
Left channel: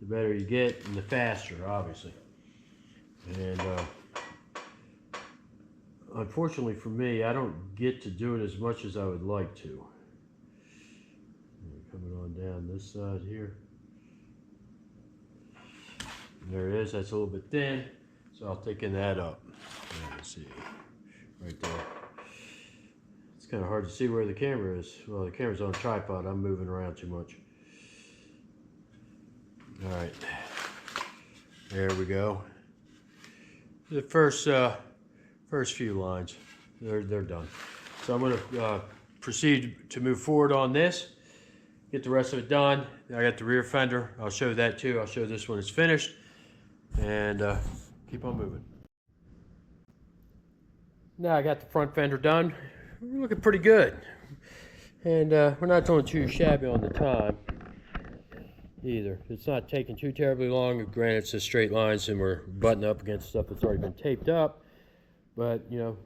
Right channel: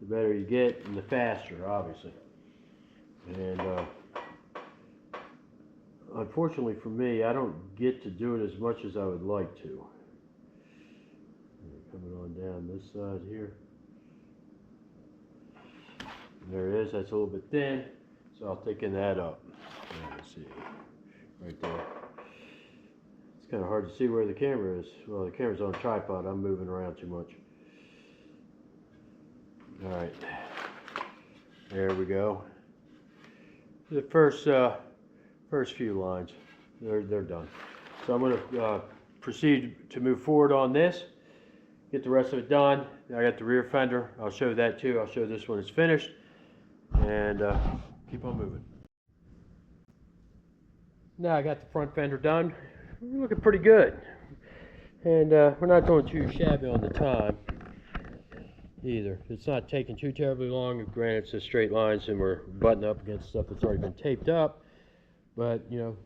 the better you get, and the faster, obviously. And unfortunately for me, I don't get to do it as much as I would like to. Coming on down this side here. And there it is. That's a little bit thin, so I'll thicken that up. Let's see, right there. It's kind of hard to see where the camera is. Well, the camera's on a tripod. I'm moving around too much. All right, there we go. The first few lines, they're done. So I'm going to proceed to move forward on this. Get the rest of it done. I got the rear fender. I'll show that too. I'll show this when it's finished, and keep on moving. Now I got the front fender done. We're looking pretty good, and we're not doing too shabby on the time either. It's not taking too terribly long. Granted, it's just straight lines, and we're butting up against stuff that's already been taped up. But you know,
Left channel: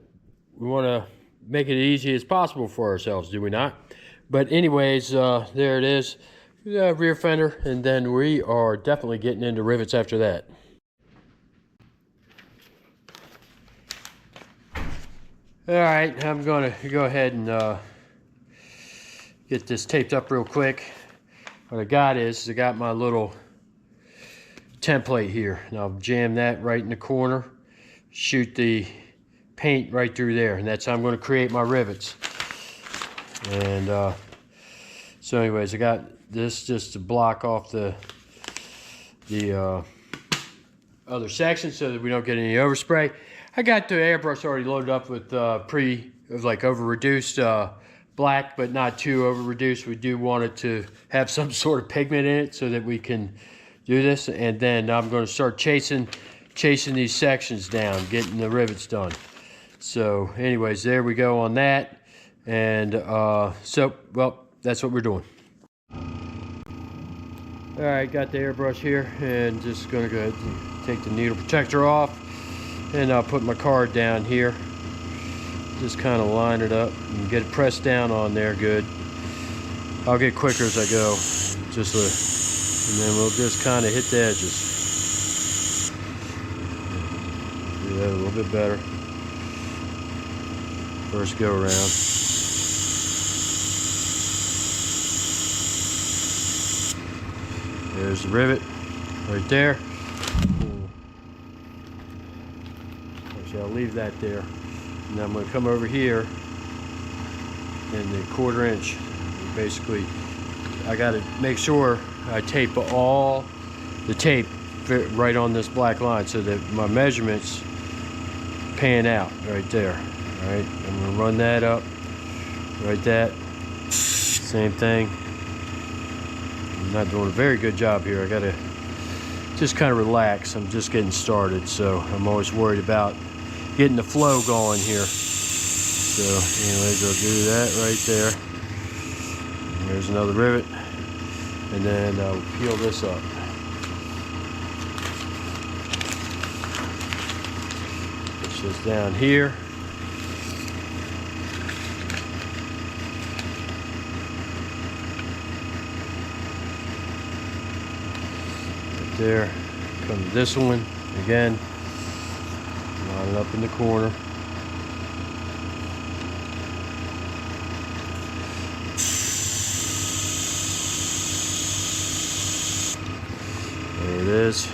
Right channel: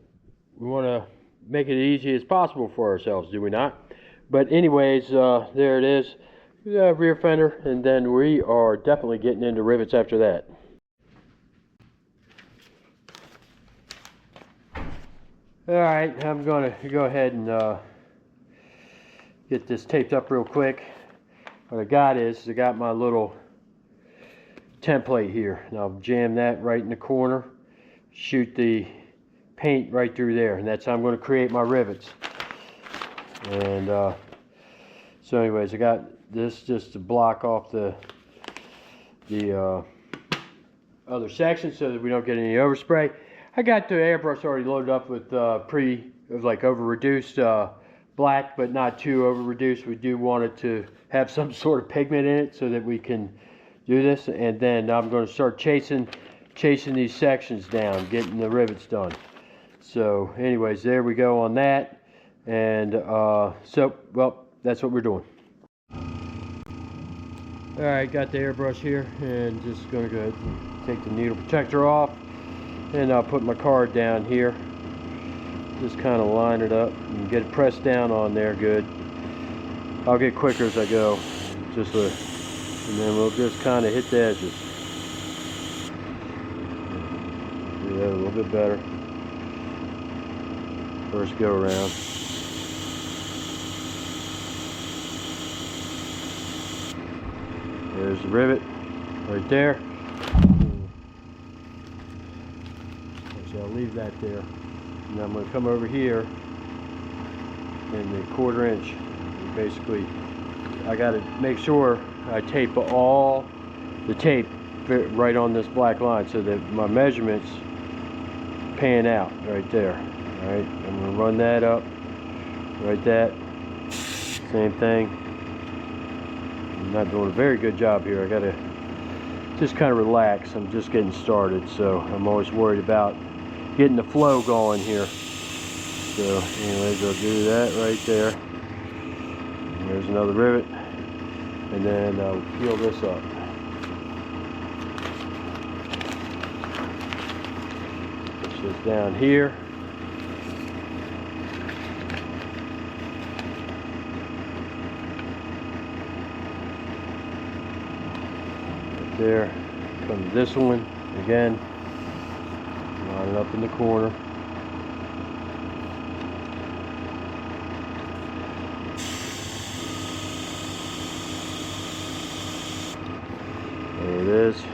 we want to make it as easy as possible for ourselves, do we not? But anyways, there it is, rear fender, and then we are definitely getting into rivets after that. All right, I'm going to go ahead and get this taped up real quick. What I got is I got my little template here, and I'll jam that right in the corner, shoot the paint right through there, and that's how I'm going to create my rivets. And so anyways, I got this just to block off the other section so that we don't get any overspray. I got the airbrush already loaded up with over reduced black, but not too over reduced. We do want it to have some sort of pigment in it so that we can do this. And then I'm going to start chasing these sections down, getting the rivets done. So anyways, there we go on that. And so, well, that's what we're doing. All right, got the airbrush here, and just going to go ahead and take the needle protector off, and I'll put my card down here. Just kind of line it up and get it pressed down on there good. I'll get quicker as I go, and then we'll just kind of hit the edges. Do that a little bit better. First go around. There's the rivet right there. Actually, I'll leave that there. And I'm going to come over here in the 1/4 inch. Basically, I got to make sure I tape all the tape right on this black line so that my measurements pan out right there. All right, I'm going to run that up, right that. Same thing. I'm not doing a very good job here. I got to just kind of relax. I'm just getting started, so I'm always worried about getting the flow going here. So anyways, I'll do that right there. And there's another rivet, and then I'll peel this up. Push this down here. Right there. Come to this one again. Line it up in the corner. it is.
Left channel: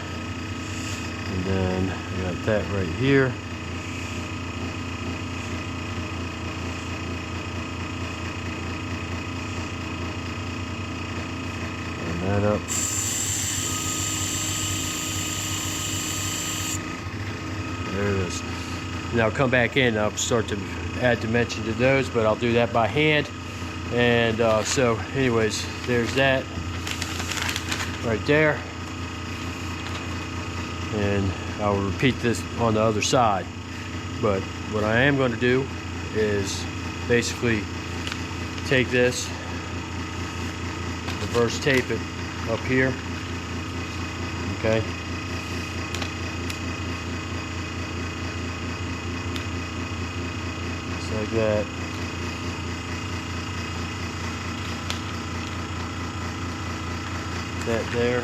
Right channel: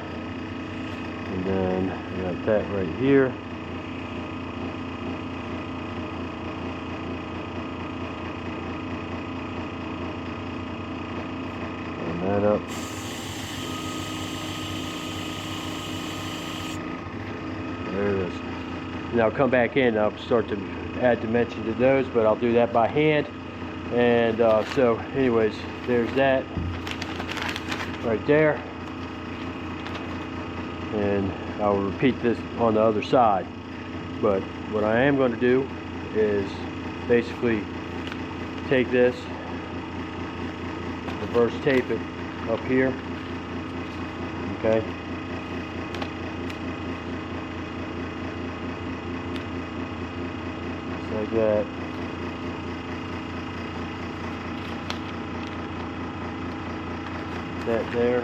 And then I got that right here. Line that up. There it is. Now I'll come back in, I'll start to add dimension to those, but I'll do that by hand. And so anyways, there's that right there. And I'll repeat this on the other side. But what I am going to do is basically take this, reverse tape it up here, okay? Just like that. That there.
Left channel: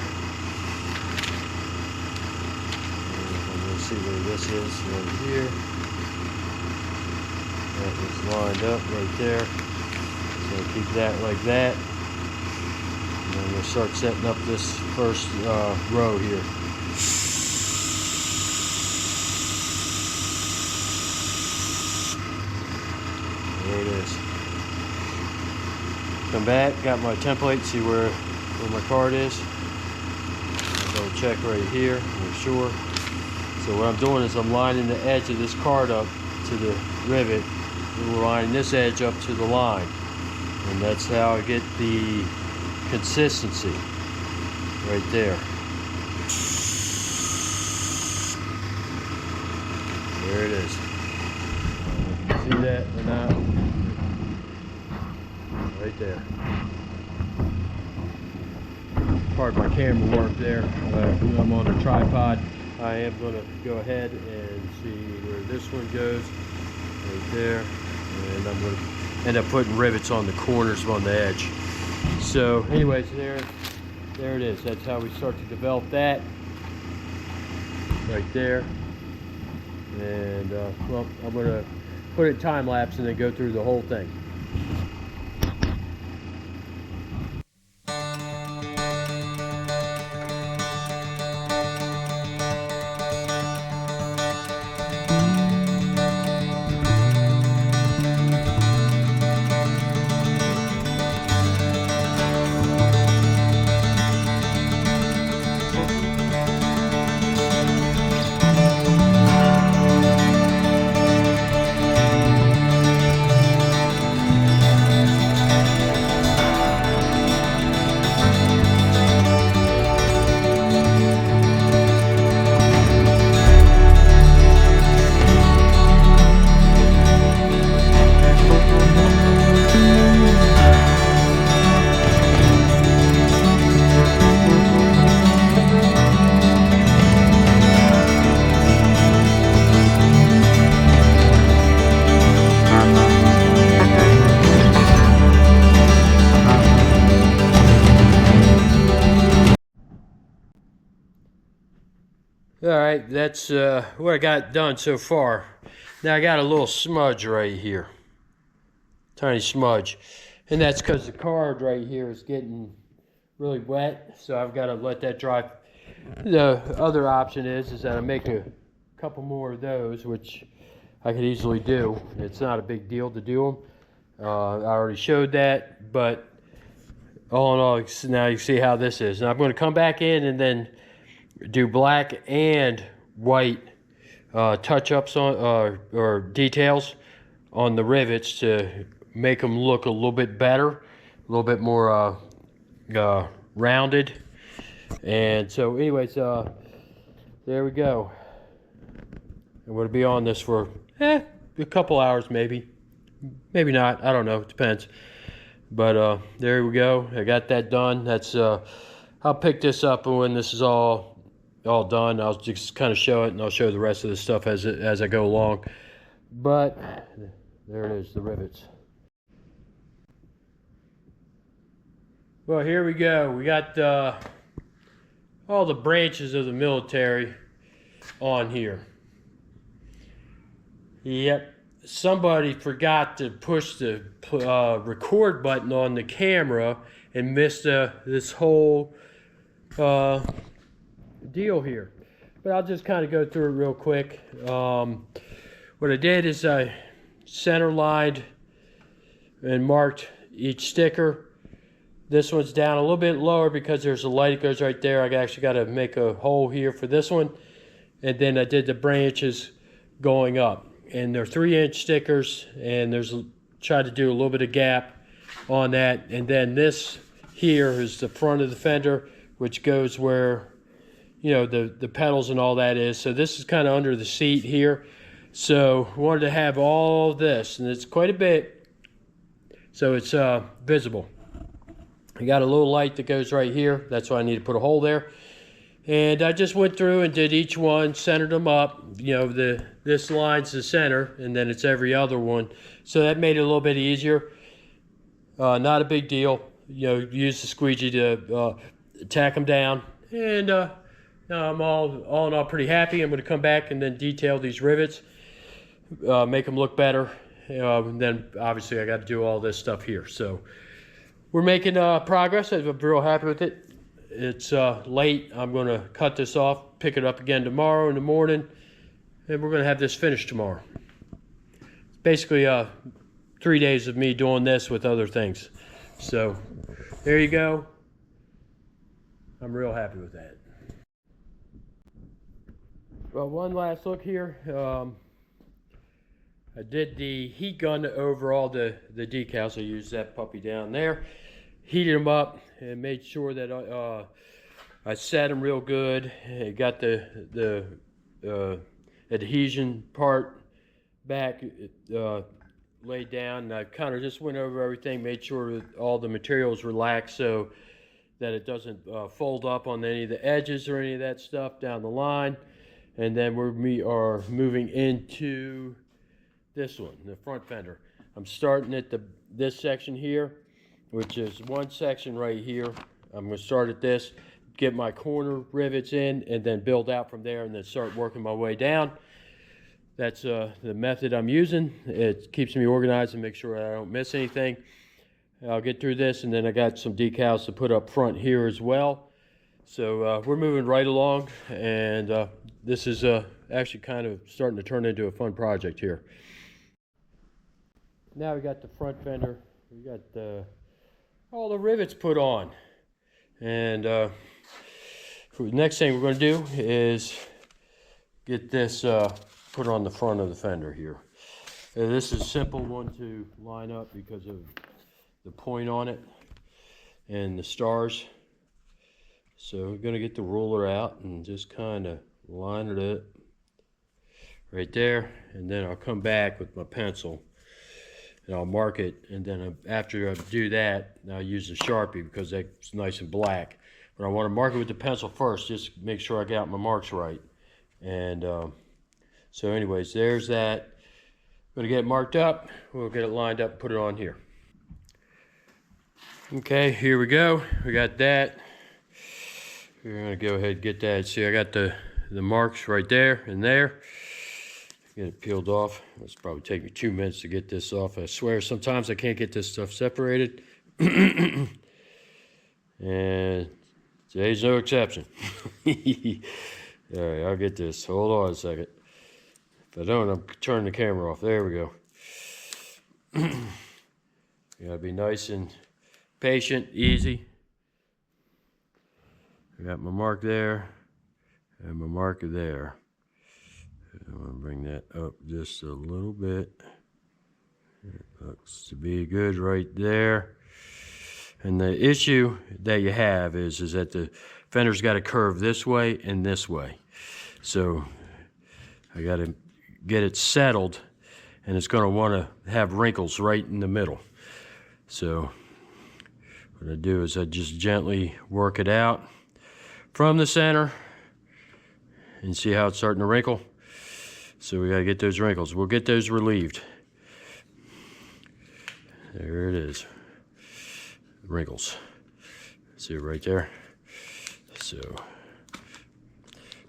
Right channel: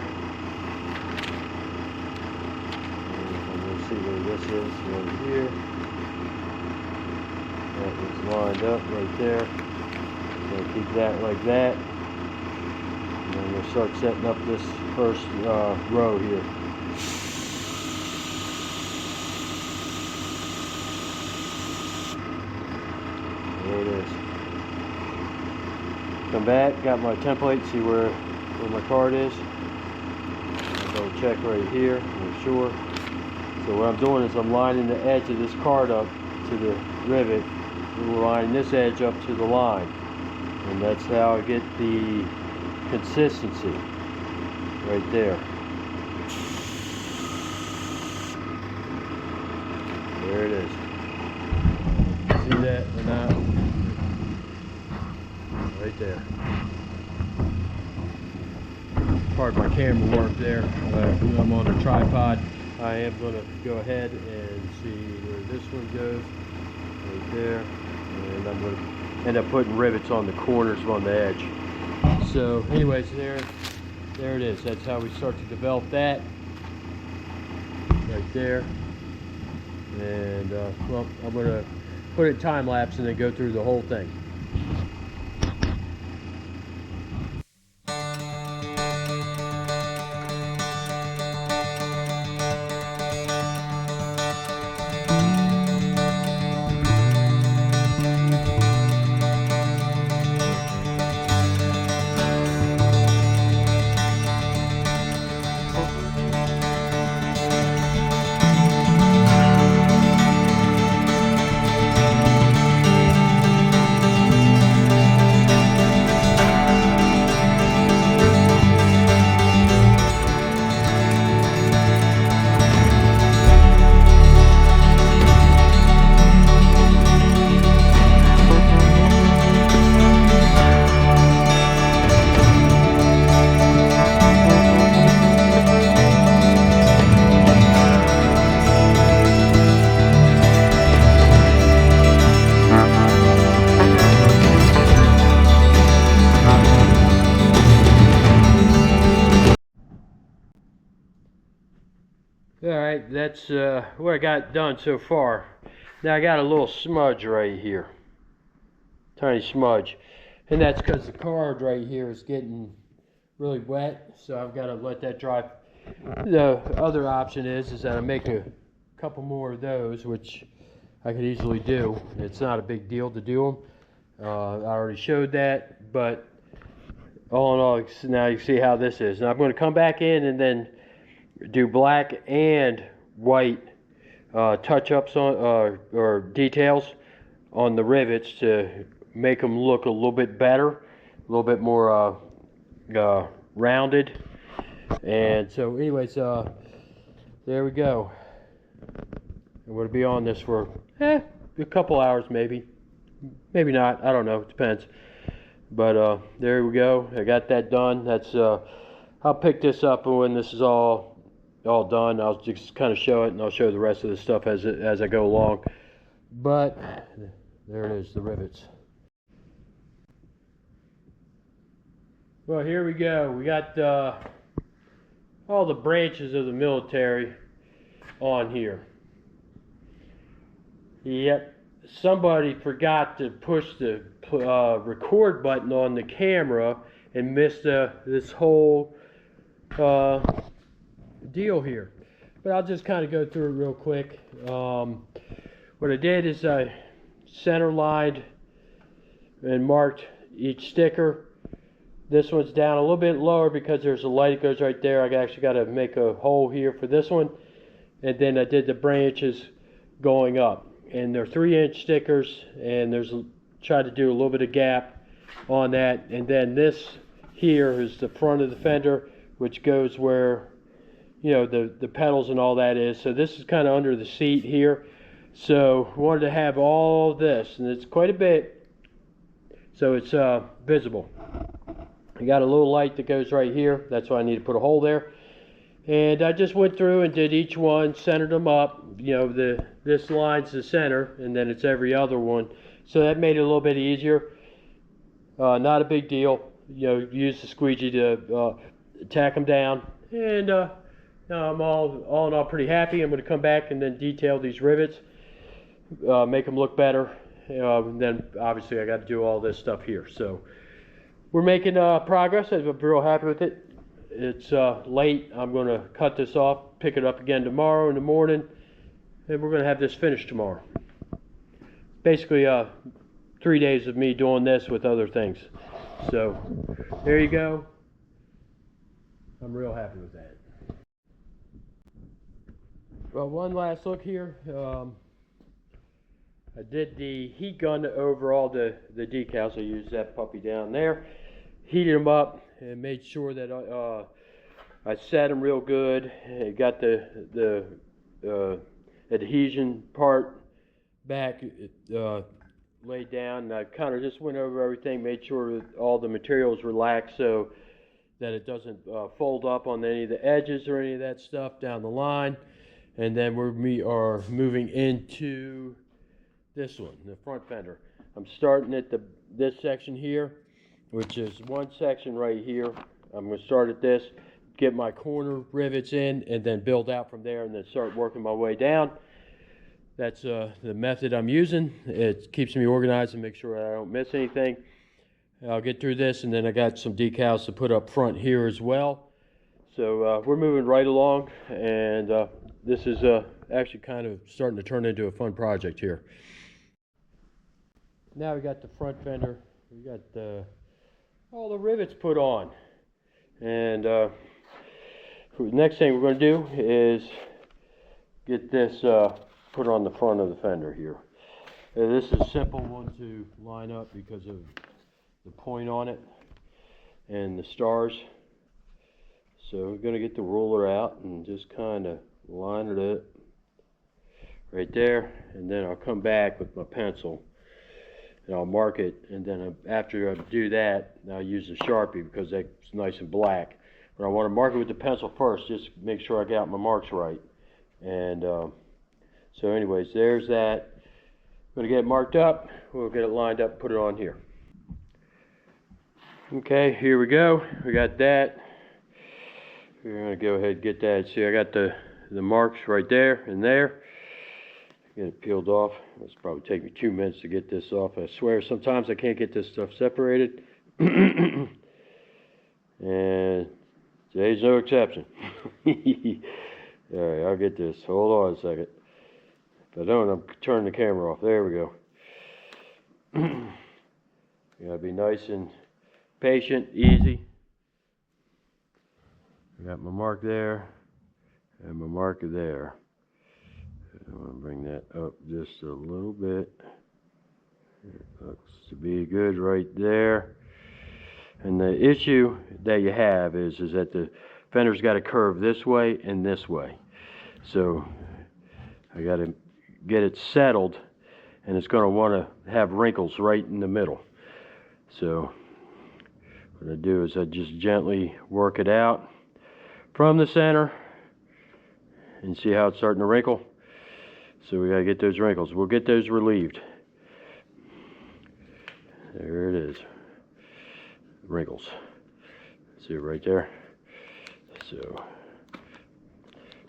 See where this is right here. That is lined up right there. So keep that like that. And then we'll start setting up this first row here. There it is. Come back, got my template, see where my card is. I'll go check right here, make sure. So what I'm doing is I'm lining the edge of this card up to the rivet, and we're lining this edge up to the line. And that's how I get the consistency right there. There it is. See that or not? Right there. Pardon my camera work there. I'm on a tripod. I am going to go ahead and see where this one goes, right there, and I'm going to end up putting rivets on the corners on the edge. So anyways, there it is. That's how we start to develop that, right there. And well, I'm going to put it time lapse and then go through the whole thing. Alright, that's what I got done so far. Now I got a little smudge right here. Tiny smudge. And that's because the card right here is getting really wet, so I've got to let that dry. The other option is that I make a couple more of those, which I could easily do. It's not a big deal to do them. I already showed that, but all in all, now you see how this is. Now I'm going to come back in and then do black and white touch-ups on or details on the rivets to make them look a little bit better, a little bit more rounded. And so anyways, there we go. I'm going to be on this for a couple hours, maybe not, I don't know, it depends. But there we go, I got that done. That's I'll pick this up when this is all done. I'll just kind of show it, and I'll show the rest of the stuff as I go along. But there it is, the rivets. Well, here we go. We got all the branches of the military on here. Yep, somebody forgot to push the record button on the camera and missed this whole deal here. But I'll just kind of go through it real quick. What I did is I center lined and marked each sticker. This one's down a little bit lower because there's a light that goes right there. I actually got to make a hole here for this one. And then I did the branches going up. And they're 3-inch stickers, and tried to do a little bit of gap on that. And then this here is the front of the fender, which goes where, you know, the pedals and all that is. So this is kind of under the seat here. So I wanted to have all this, and it's quite a bit, so it's visible. I got a little light that goes right here. That's why I need to put a hole there. And I just went through and did each one, centered them up. You know, this line's the center, and then it's every other one. So that made it a little bit easier. Not a big deal. You know, use the squeegee to tack them down. And I'm all in all pretty happy. I'm going to come back and then detail these rivets, make them look better. Then obviously I got to do all this stuff here. So we're making progress. I'm real happy with it. It's late. I'm going to cut this off, pick it up again tomorrow in the morning, and we're going to have this finished tomorrow. Basically 3 days of me doing this with other things. So there you go. I'm real happy with that. Well, one last look here. I did the heat gun over all the decals. I used that puppy down there, heated them up, and made sure that I set them real good. I got the adhesion part back laid down, and I kind of just went over everything, made sure that all the materials relaxed so that it doesn't fold up on any of the edges or any of that stuff down the line. And then we are moving into this one, the front fender. I'm starting at this section here, which is one section right here. I'm going to start at this, get my corner rivets in, and then build out from there, and then start working my way down. That's the method I'm using. It keeps me organized and make sure I don't miss anything. I'll get through this, and then I got some decals to put up front here as well. So we're moving right along, and this is actually kind of starting to turn into a fun project here. Now we got the front fender. We got all the rivets put on, and the next thing we're going to do is get this put on the front of the fender here. And this is a simple one to line up because of the point on it and the stars. So we're going to get the ruler out and just kind of line it up right there, and then I'll come back with my pencil and I'll mark it, and then after I do that, I'll use the Sharpie because that's nice and black. But I want to mark it with the pencil first, just make sure I got my marks right. And so anyways, there's that. I'm going to get it marked up. We'll get it lined up, put it on here. Okay, here we go. We got that. We're going to go ahead and get that. See, I got the marks right there and there. Get it peeled off. It's probably take me 2 minutes to get this off. I swear sometimes I can't get this stuff separated. And today's no exception. All right, I'll get this. Hold on a second. If I don't, I'm turning the camera off. There we go. You gotta be nice and patient, easy. I got my mark there and my marker there. I'm going to bring that up just a little bit. It looks to be good right there. And the issue that you have is that the fender's got to curve this way and this way. So I got to get it settled, and it's going to want to have wrinkles right in the middle. So what I do is I just gently work it out from the center and see how it's starting to wrinkle. So we got to get those wrinkles. We'll get those relieved. There it is. Wrinkles. See it right there? So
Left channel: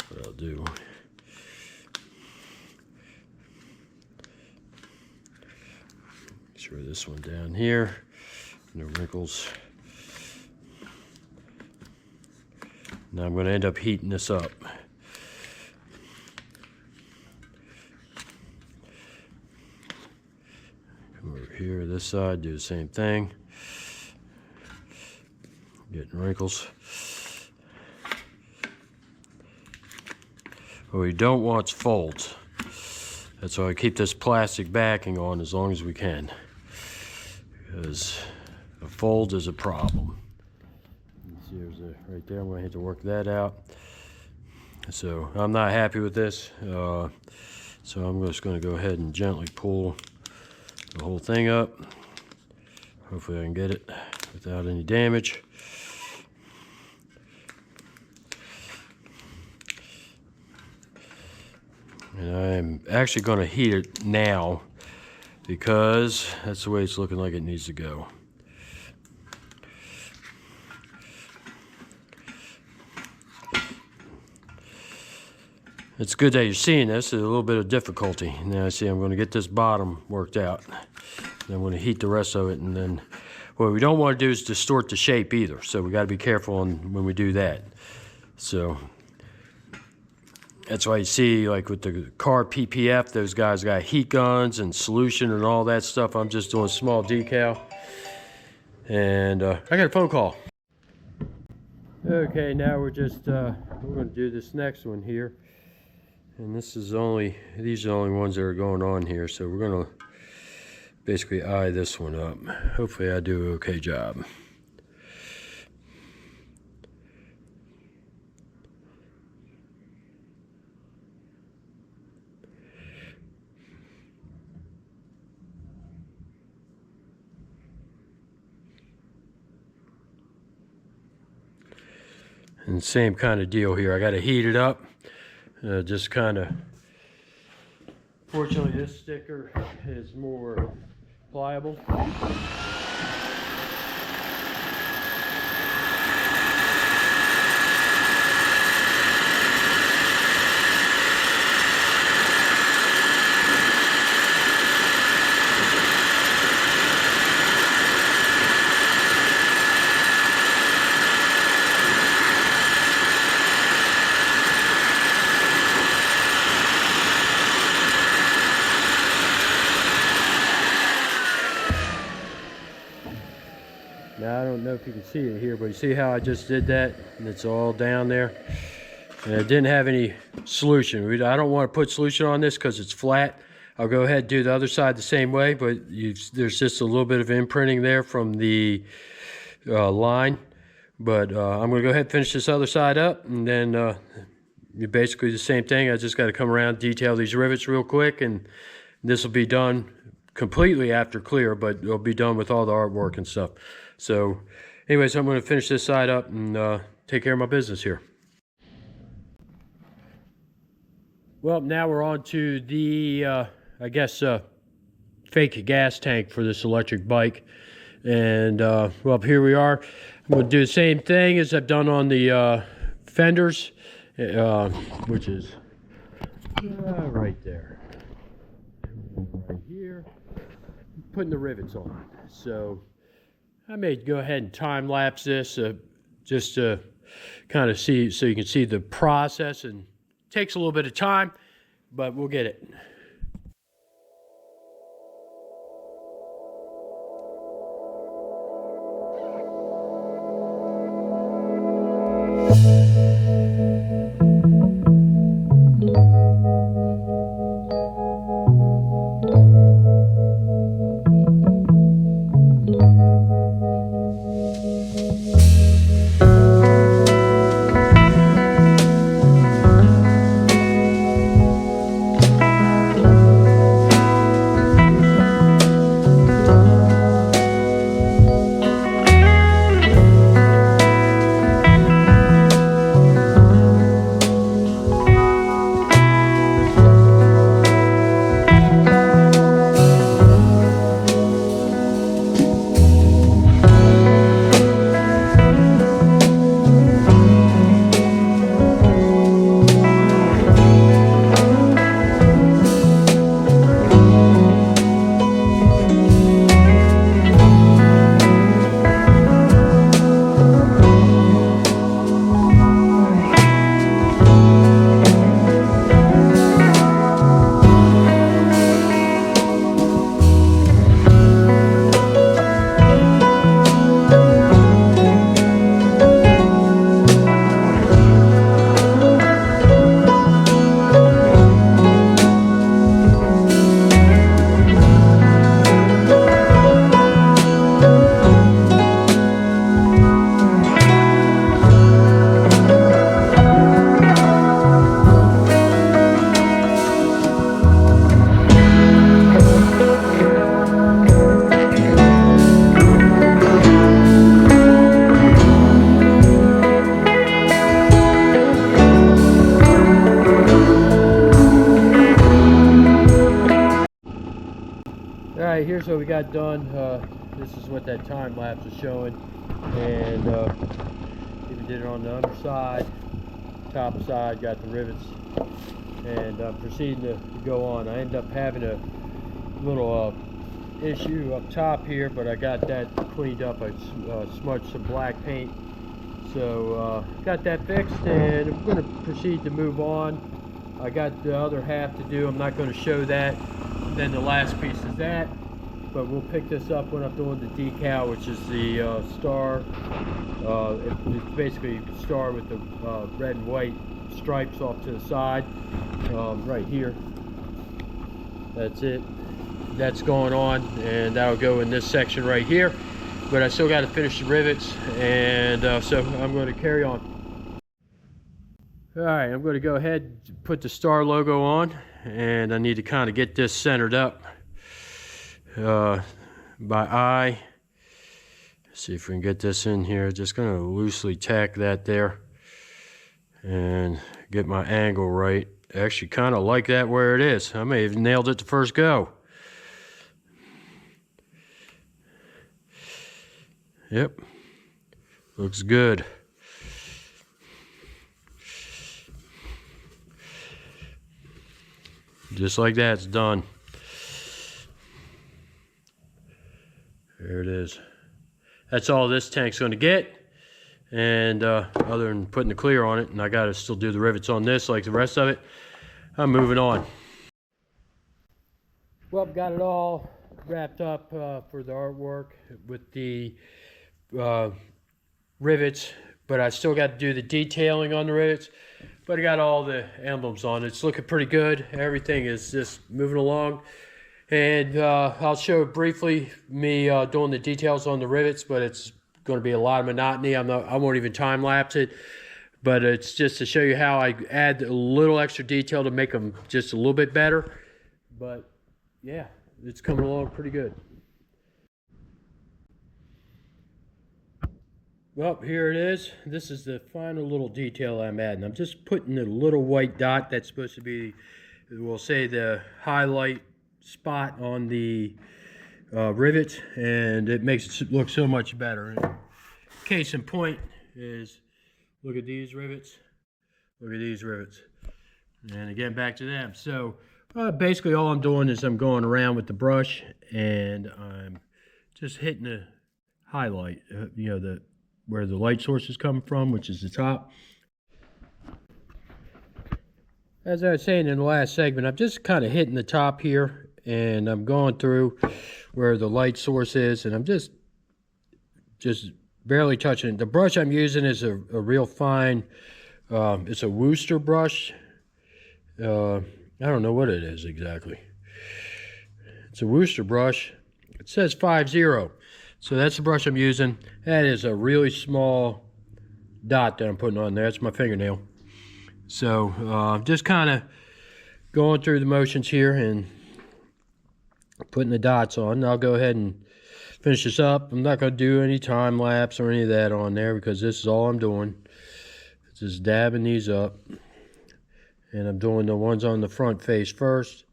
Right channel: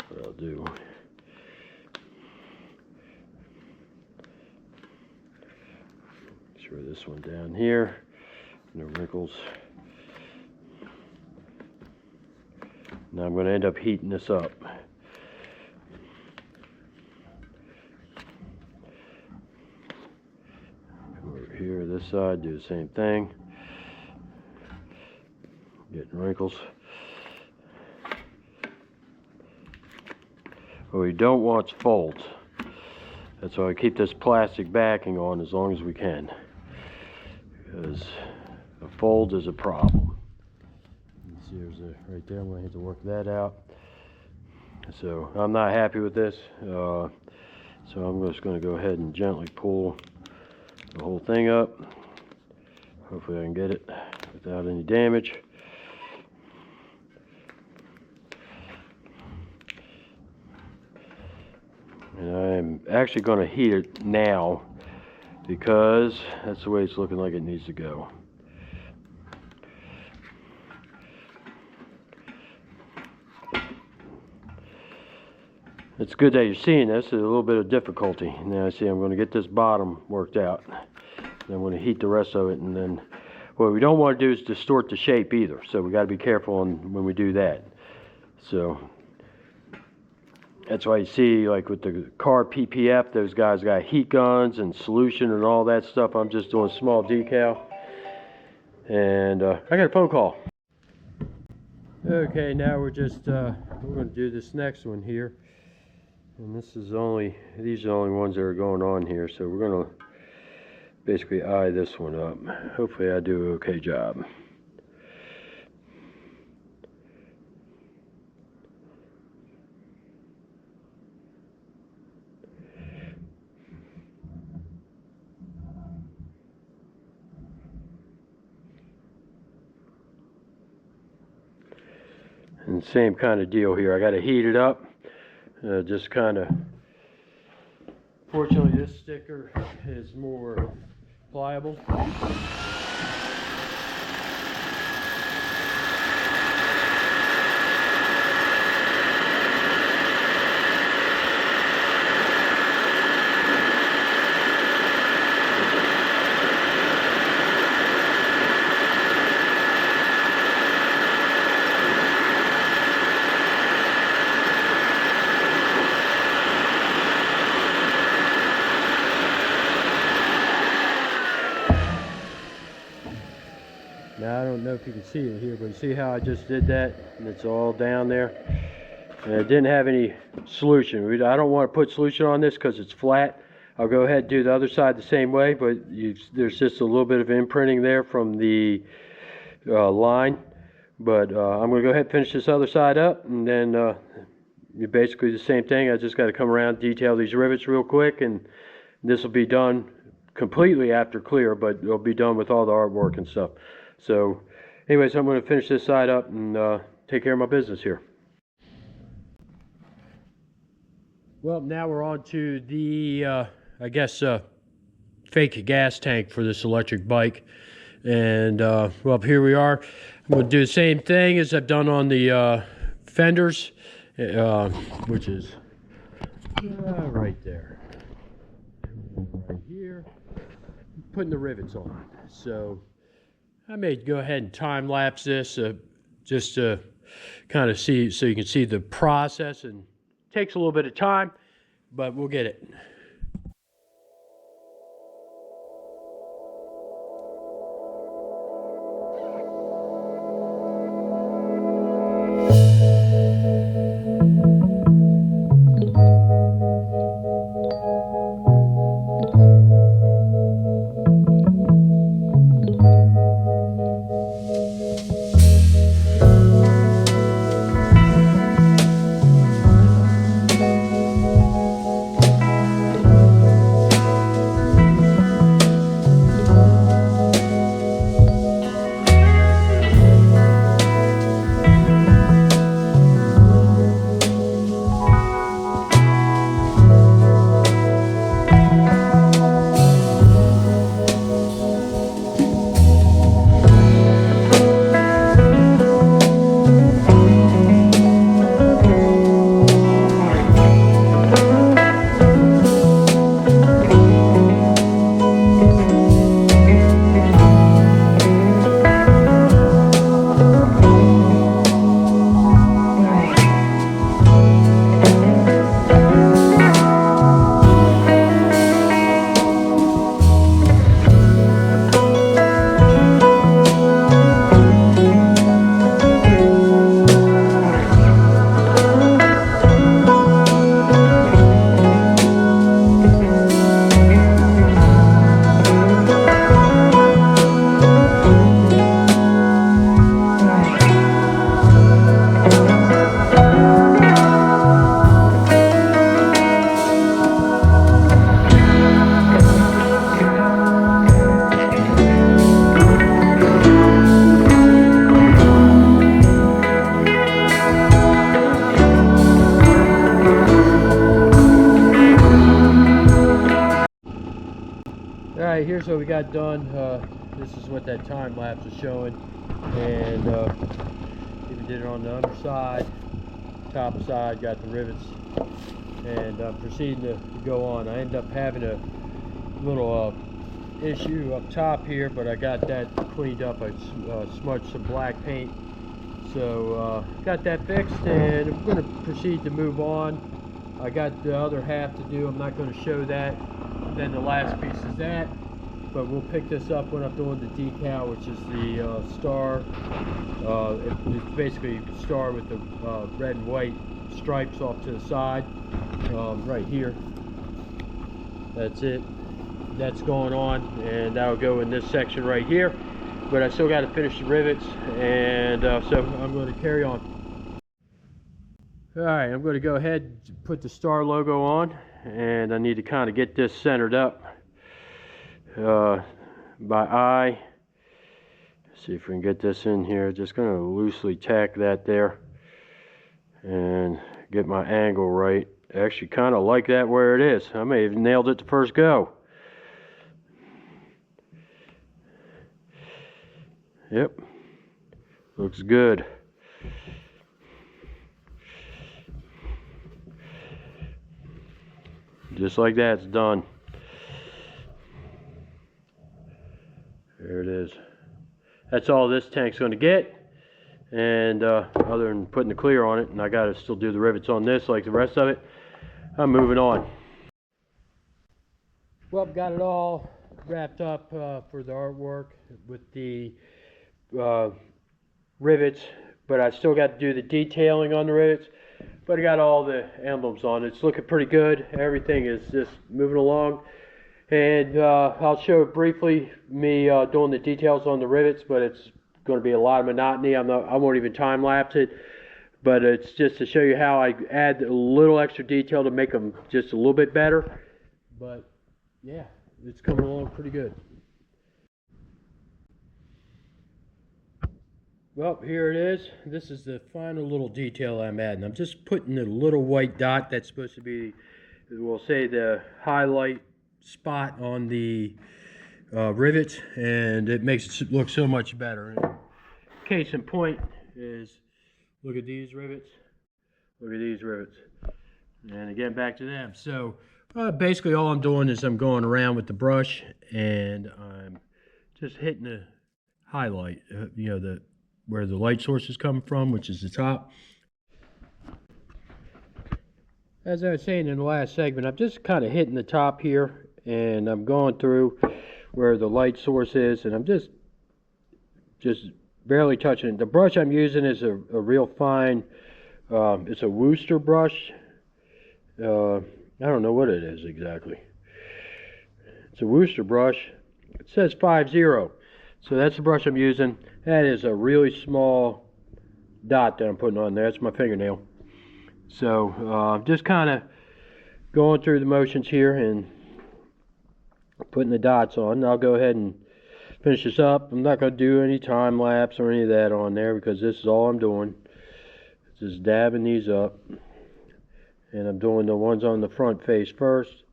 what I'll do, make sure this one down here, no wrinkles. Now I'm going to end up heating this up. Come over here, this side, do the same thing. Getting wrinkles. What we don't want is folds. That's why I keep this plastic backing on as long as we can, because a fold is a problem. You see there's a right there. I'm going to have to work that out. So I'm not happy with this. So I'm just going to go ahead and gently pull the whole thing up. Hopefully I can get it without any damage. And I'm actually going to heat it now because that's the way it's looking like it needs to go. It's good that you're seeing this. There's a little bit of difficulty. Now see, I'm going to get this bottom worked out. And I'm going to heat the rest of it, and then what we don't want to do is distort the shape either. So we got to be careful when we do that. So that's why you see, like with the car PPF, those guys got heat guns and solution and all that stuff. I'm just doing small decal. And I got a phone call. Okay, now we're going to do this next one here. And these are the only ones that are going on here. So we're going to basically eye this one up. Hopefully I do an okay job. And same kind of deal here. I got to heat it up. Just kind of. Fortunately, this sticker is more pliable. Now I don't know if you can see it here, but you see how I just did that, and it's all down there, and it didn't have any solution. I don't want to put solution on this because it's flat. I'll go ahead and do the other side the same way, but there's just a little bit of imprinting there from the line. But I'm going to go ahead and finish this other side up, and then basically the same thing. I just got to come around, detail these rivets real quick, and this will be done completely after clear, but it'll be done with all the artwork and stuff. So anyways, I'm going to finish this side up and take care of my business here. Well, now we're on to the, I guess, fake gas tank for this electric bike. And, well, here we are. I'm going to do the same thing as I've done on the fenders, which is right there. Right here. Putting the rivets on. So I may go ahead and time lapse this just to kind of see, so you can see the process, and it takes a little bit of time, but we'll get it. Alright, here's what we got done. This is what that time lapse is showing. And even did it on the underside, top side, got the rivets. And I'm proceeding to go on. I end up having a little issue up top here, but I got that cleaned up. I smudged some black paint. So got that fixed, and I'm going to proceed to move on. I got the other half to do. I'm not going to show that. And then the last piece is that. But we'll pick this up when I'm doing the decal, which is the star. It's basically a star with the red and white stripes off to the side, right here. That's it. That's going on, and that'll go in this section right here. But I still got to finish the rivets, and so I'm going to carry on. Alright, I'm going to go ahead and put the star logo on, and I need to kind of get this centered up by eye. See if we can get this in here. Just going to loosely tack that there and get my angle right. Actually kind of like that where it is. I may have nailed it the first go. Yep, looks good. Just like that, it's done. There it is. That's all this tank's going to get. And other than putting the clear on it, and I got to still do the rivets on this like the rest of it, I'm moving on. Well, got it all wrapped up for the artwork with the rivets, but I still got to do the detailing on the rivets. But I got all the emblems on. It's looking pretty good. Everything is just moving along. And I'll show briefly me doing the details on the rivets, but it's going to be a lot of monotony. I won't even time lapse it, but it's just to show you how I add a little extra detail to make them just a little bit better. But yeah, it's coming along pretty good. Well, here it is. This is the final little detail I'm adding. I'm just putting a little white dot that's supposed to be, we'll say, the highlight spot on the rivets, and it makes it look so much better. And case in point is, look at these rivets. Look at these rivets. And again, back to them. So basically all I'm doing is I'm going around with the brush, and I'm just hitting the highlight, you know, where the light source is coming from, which is the top. As I was saying in the last segment, I'm just kind of hitting the top here, and I'm going through where the light source is, and I'm just barely touching it. The brush I'm using is a real fine, it's a Worcester brush. I don't know what it is exactly. It's a Worcester brush. It says 5-0. So that's the brush I'm using. That is a really small dot that I'm putting on there. That's my fingernail. So just kind of going through the motions here and putting the dots on. I'll go ahead and finish this up. I'm not going to do any time lapse or any of that on there because this is all I'm doing. Just dabbing these up. And I'm doing the ones on the front face first.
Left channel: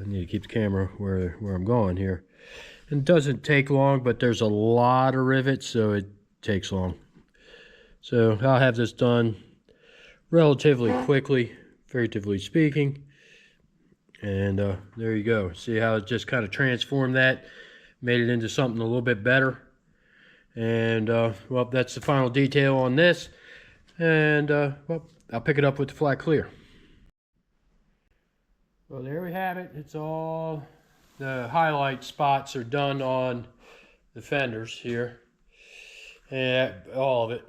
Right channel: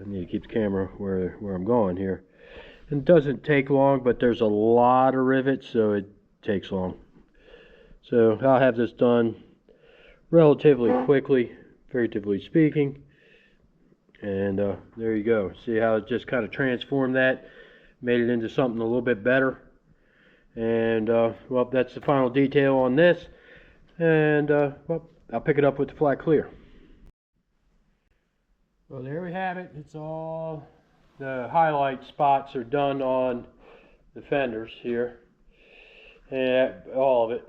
I need to keep the camera where I'm going here. It doesn't take long, but there's a lot of rivets, so it takes long. So I'll have this done relatively quickly, figuratively speaking. And there you go. See how it just kind of transformed that, made it into something a little bit better. And well, that's the final detail on this. And well, I'll pick it up with the flat clear. Well, there we have it. It's all, the highlight spots are done on the fenders here, and all of it,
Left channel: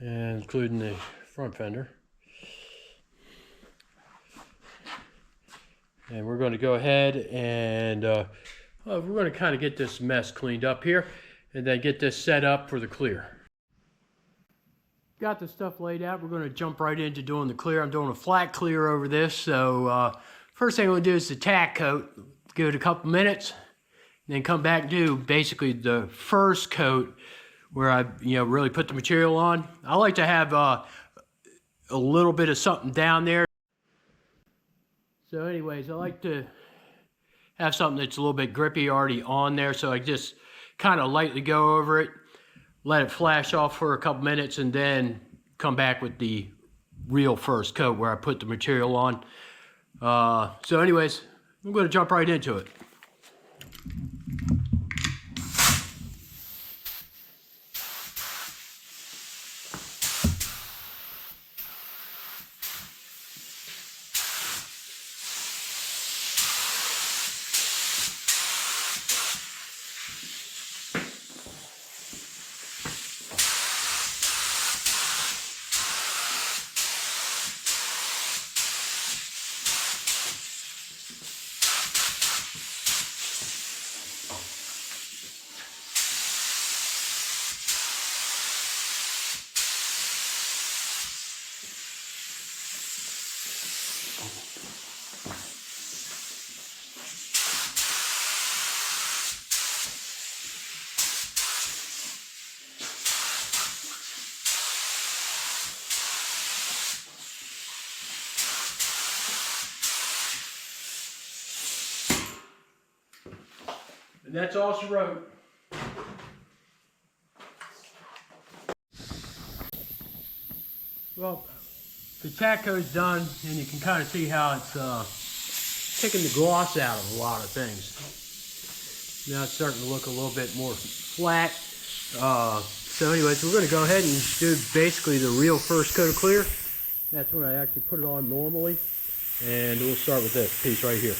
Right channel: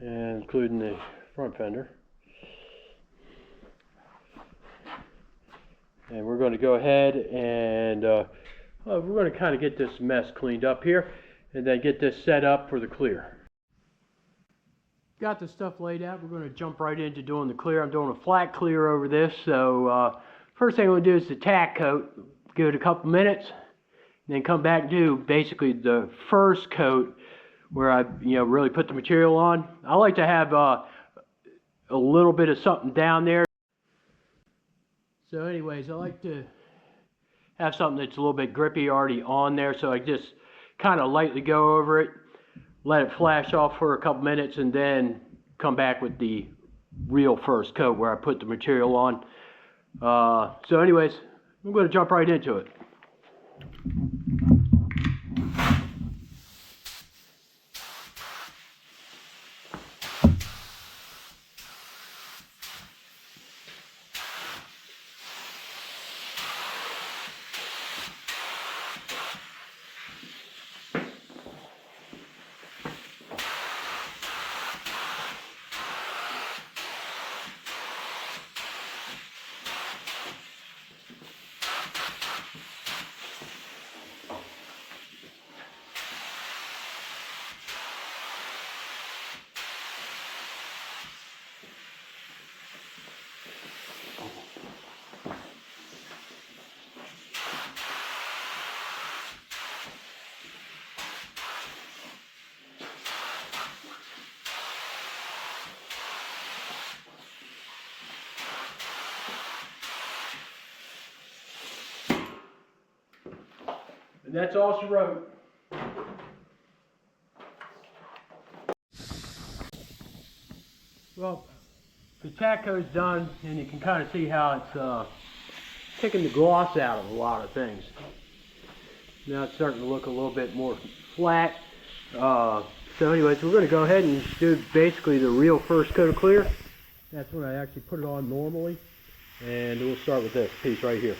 and including the front fender. And we're going to go ahead and we're going to kind of get this mess cleaned up here, and then get this set up for the clear. Got the stuff laid out. We're going to jump right into doing the clear. I'm doing a flat clear over this. So first thing I'm going to do is the tack coat. Give it a couple minutes, and then come back and do basically the first coat where I really put the material on. I like to have a little bit of something down there. So anyways, I like to have something that's a little bit grippy already on there, so I just kind of lightly go over it, let it flash off for a couple minutes, and then come back with the real first coat where I put the material on. So anyways, I'm going to jump right into it. And that's all she wrote. Well, the tack coat's done, and you can kind of see how it's taking the gloss out of a lot of things. Now it's starting to look a little bit more flat. So anyways, we're going to go ahead and do basically the real first coat of clear. That's when I actually put it on normally. And we'll start with this piece right here.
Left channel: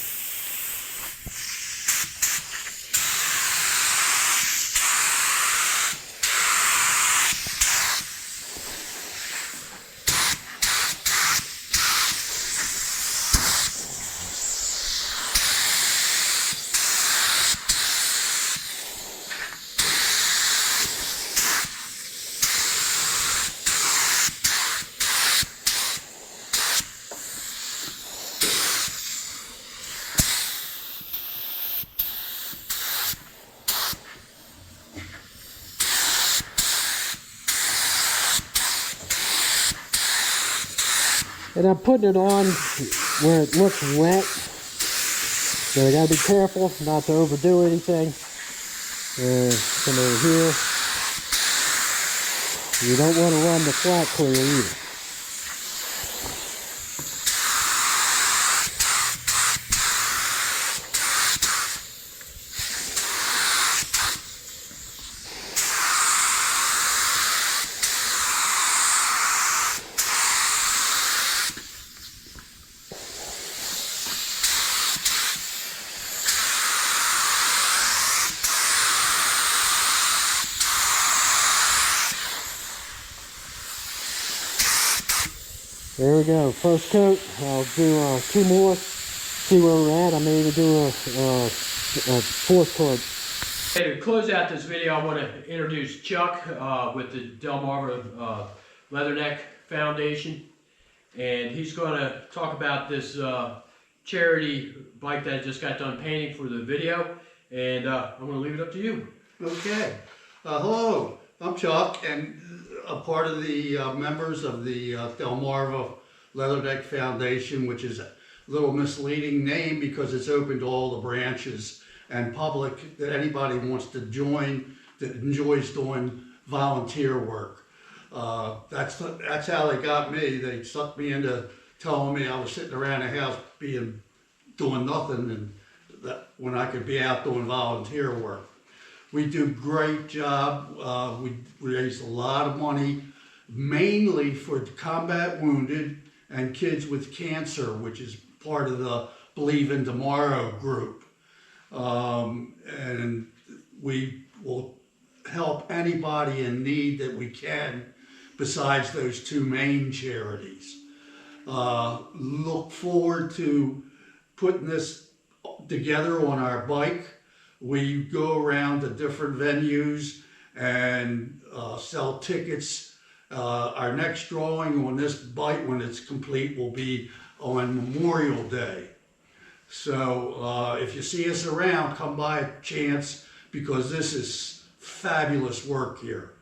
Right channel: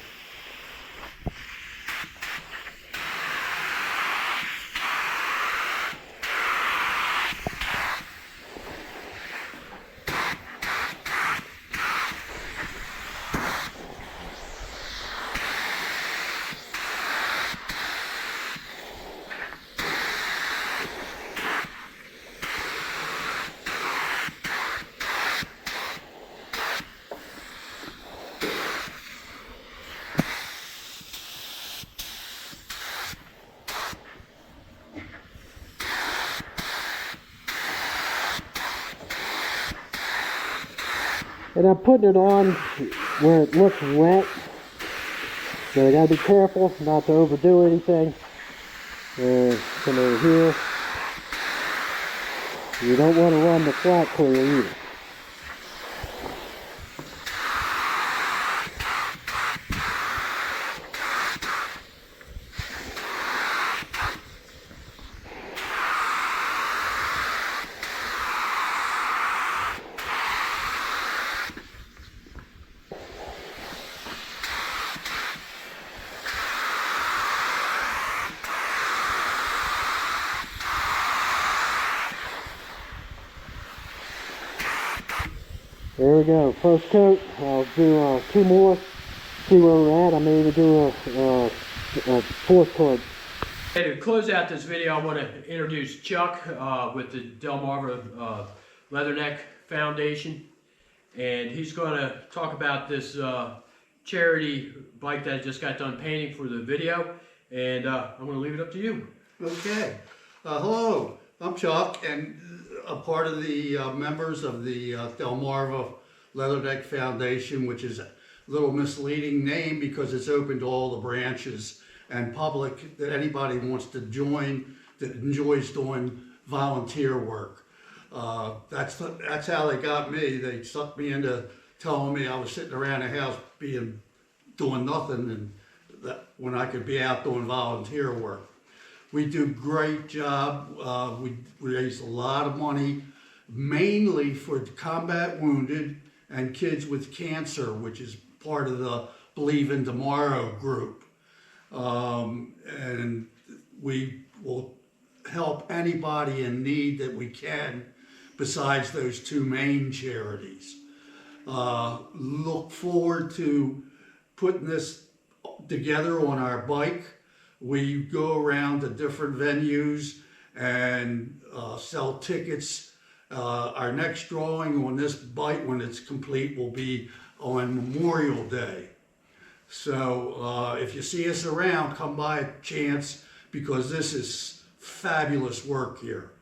And I'm putting it on where it looks wet. So I gotta be careful not to overdo anything. Come over here. You don't want to run the flat clear either. There we go, first coat. I'll do 2 more, see where we're at. I may even do a fourth coat. Okay, to close out this video, I want to introduce Chuck with the Delmarva Leatherneck Foundation. And he's going to talk about this charity bike that I just got done painting for the video. And I'm going to leave it up to you. Okay. Hello, I'm Chuck, and a part of the members of the Delmarva Leatherneck Foundation, which is a little misleading name because it's open to all the branches and public that anybody wants to join that enjoys doing volunteer work. That's how they got me. They sucked me into telling me I was sitting around the house doing nothing, and that when I could be out doing volunteer work. We do a great job. We raise a lot of money, mainly for combat wounded and kids with cancer, which is part of the Believe in Tomorrow group. And we will help anybody in need that we can, besides those 2 main charities. Look forward to putting this together on our bike. We go around to different venues and sell tickets. Our next drawing on this bike, when it's complete, will be on Memorial Day. So if you see us around, come by a chance, because this is fabulous work here.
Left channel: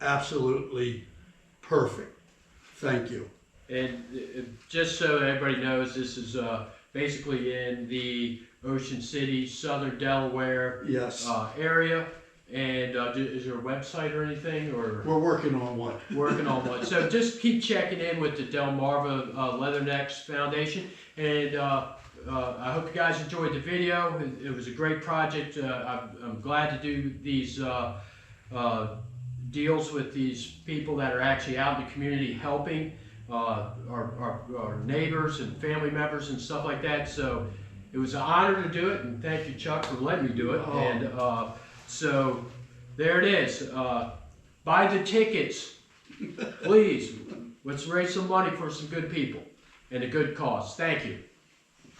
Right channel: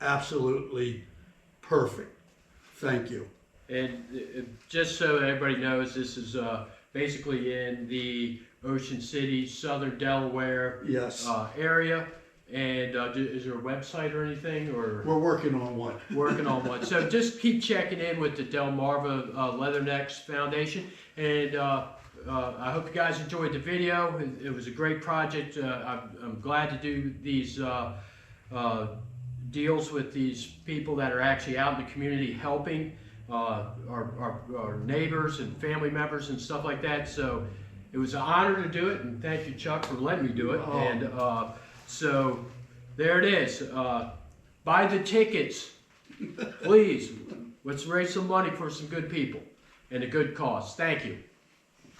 Absolutely perfect. Thank you. And just so everybody knows, this is basically in the Ocean City, Southern Delaware Yes. area. And is there a website or anything, or We're working on one. working on one? So just keep checking in with the Delmarva Leathernecks Foundation, and I hope you guys enjoyed the video. It was a great project. I'm glad to do these deals with these people that are actually out in the community helping our neighbors and family members and stuff like that. So it was an honor to do it, and thank you, Chuck, for letting me do it. Oh. And so there it is. Buy the tickets, please. Let's raise some money for some good people and a good cause. Thank you.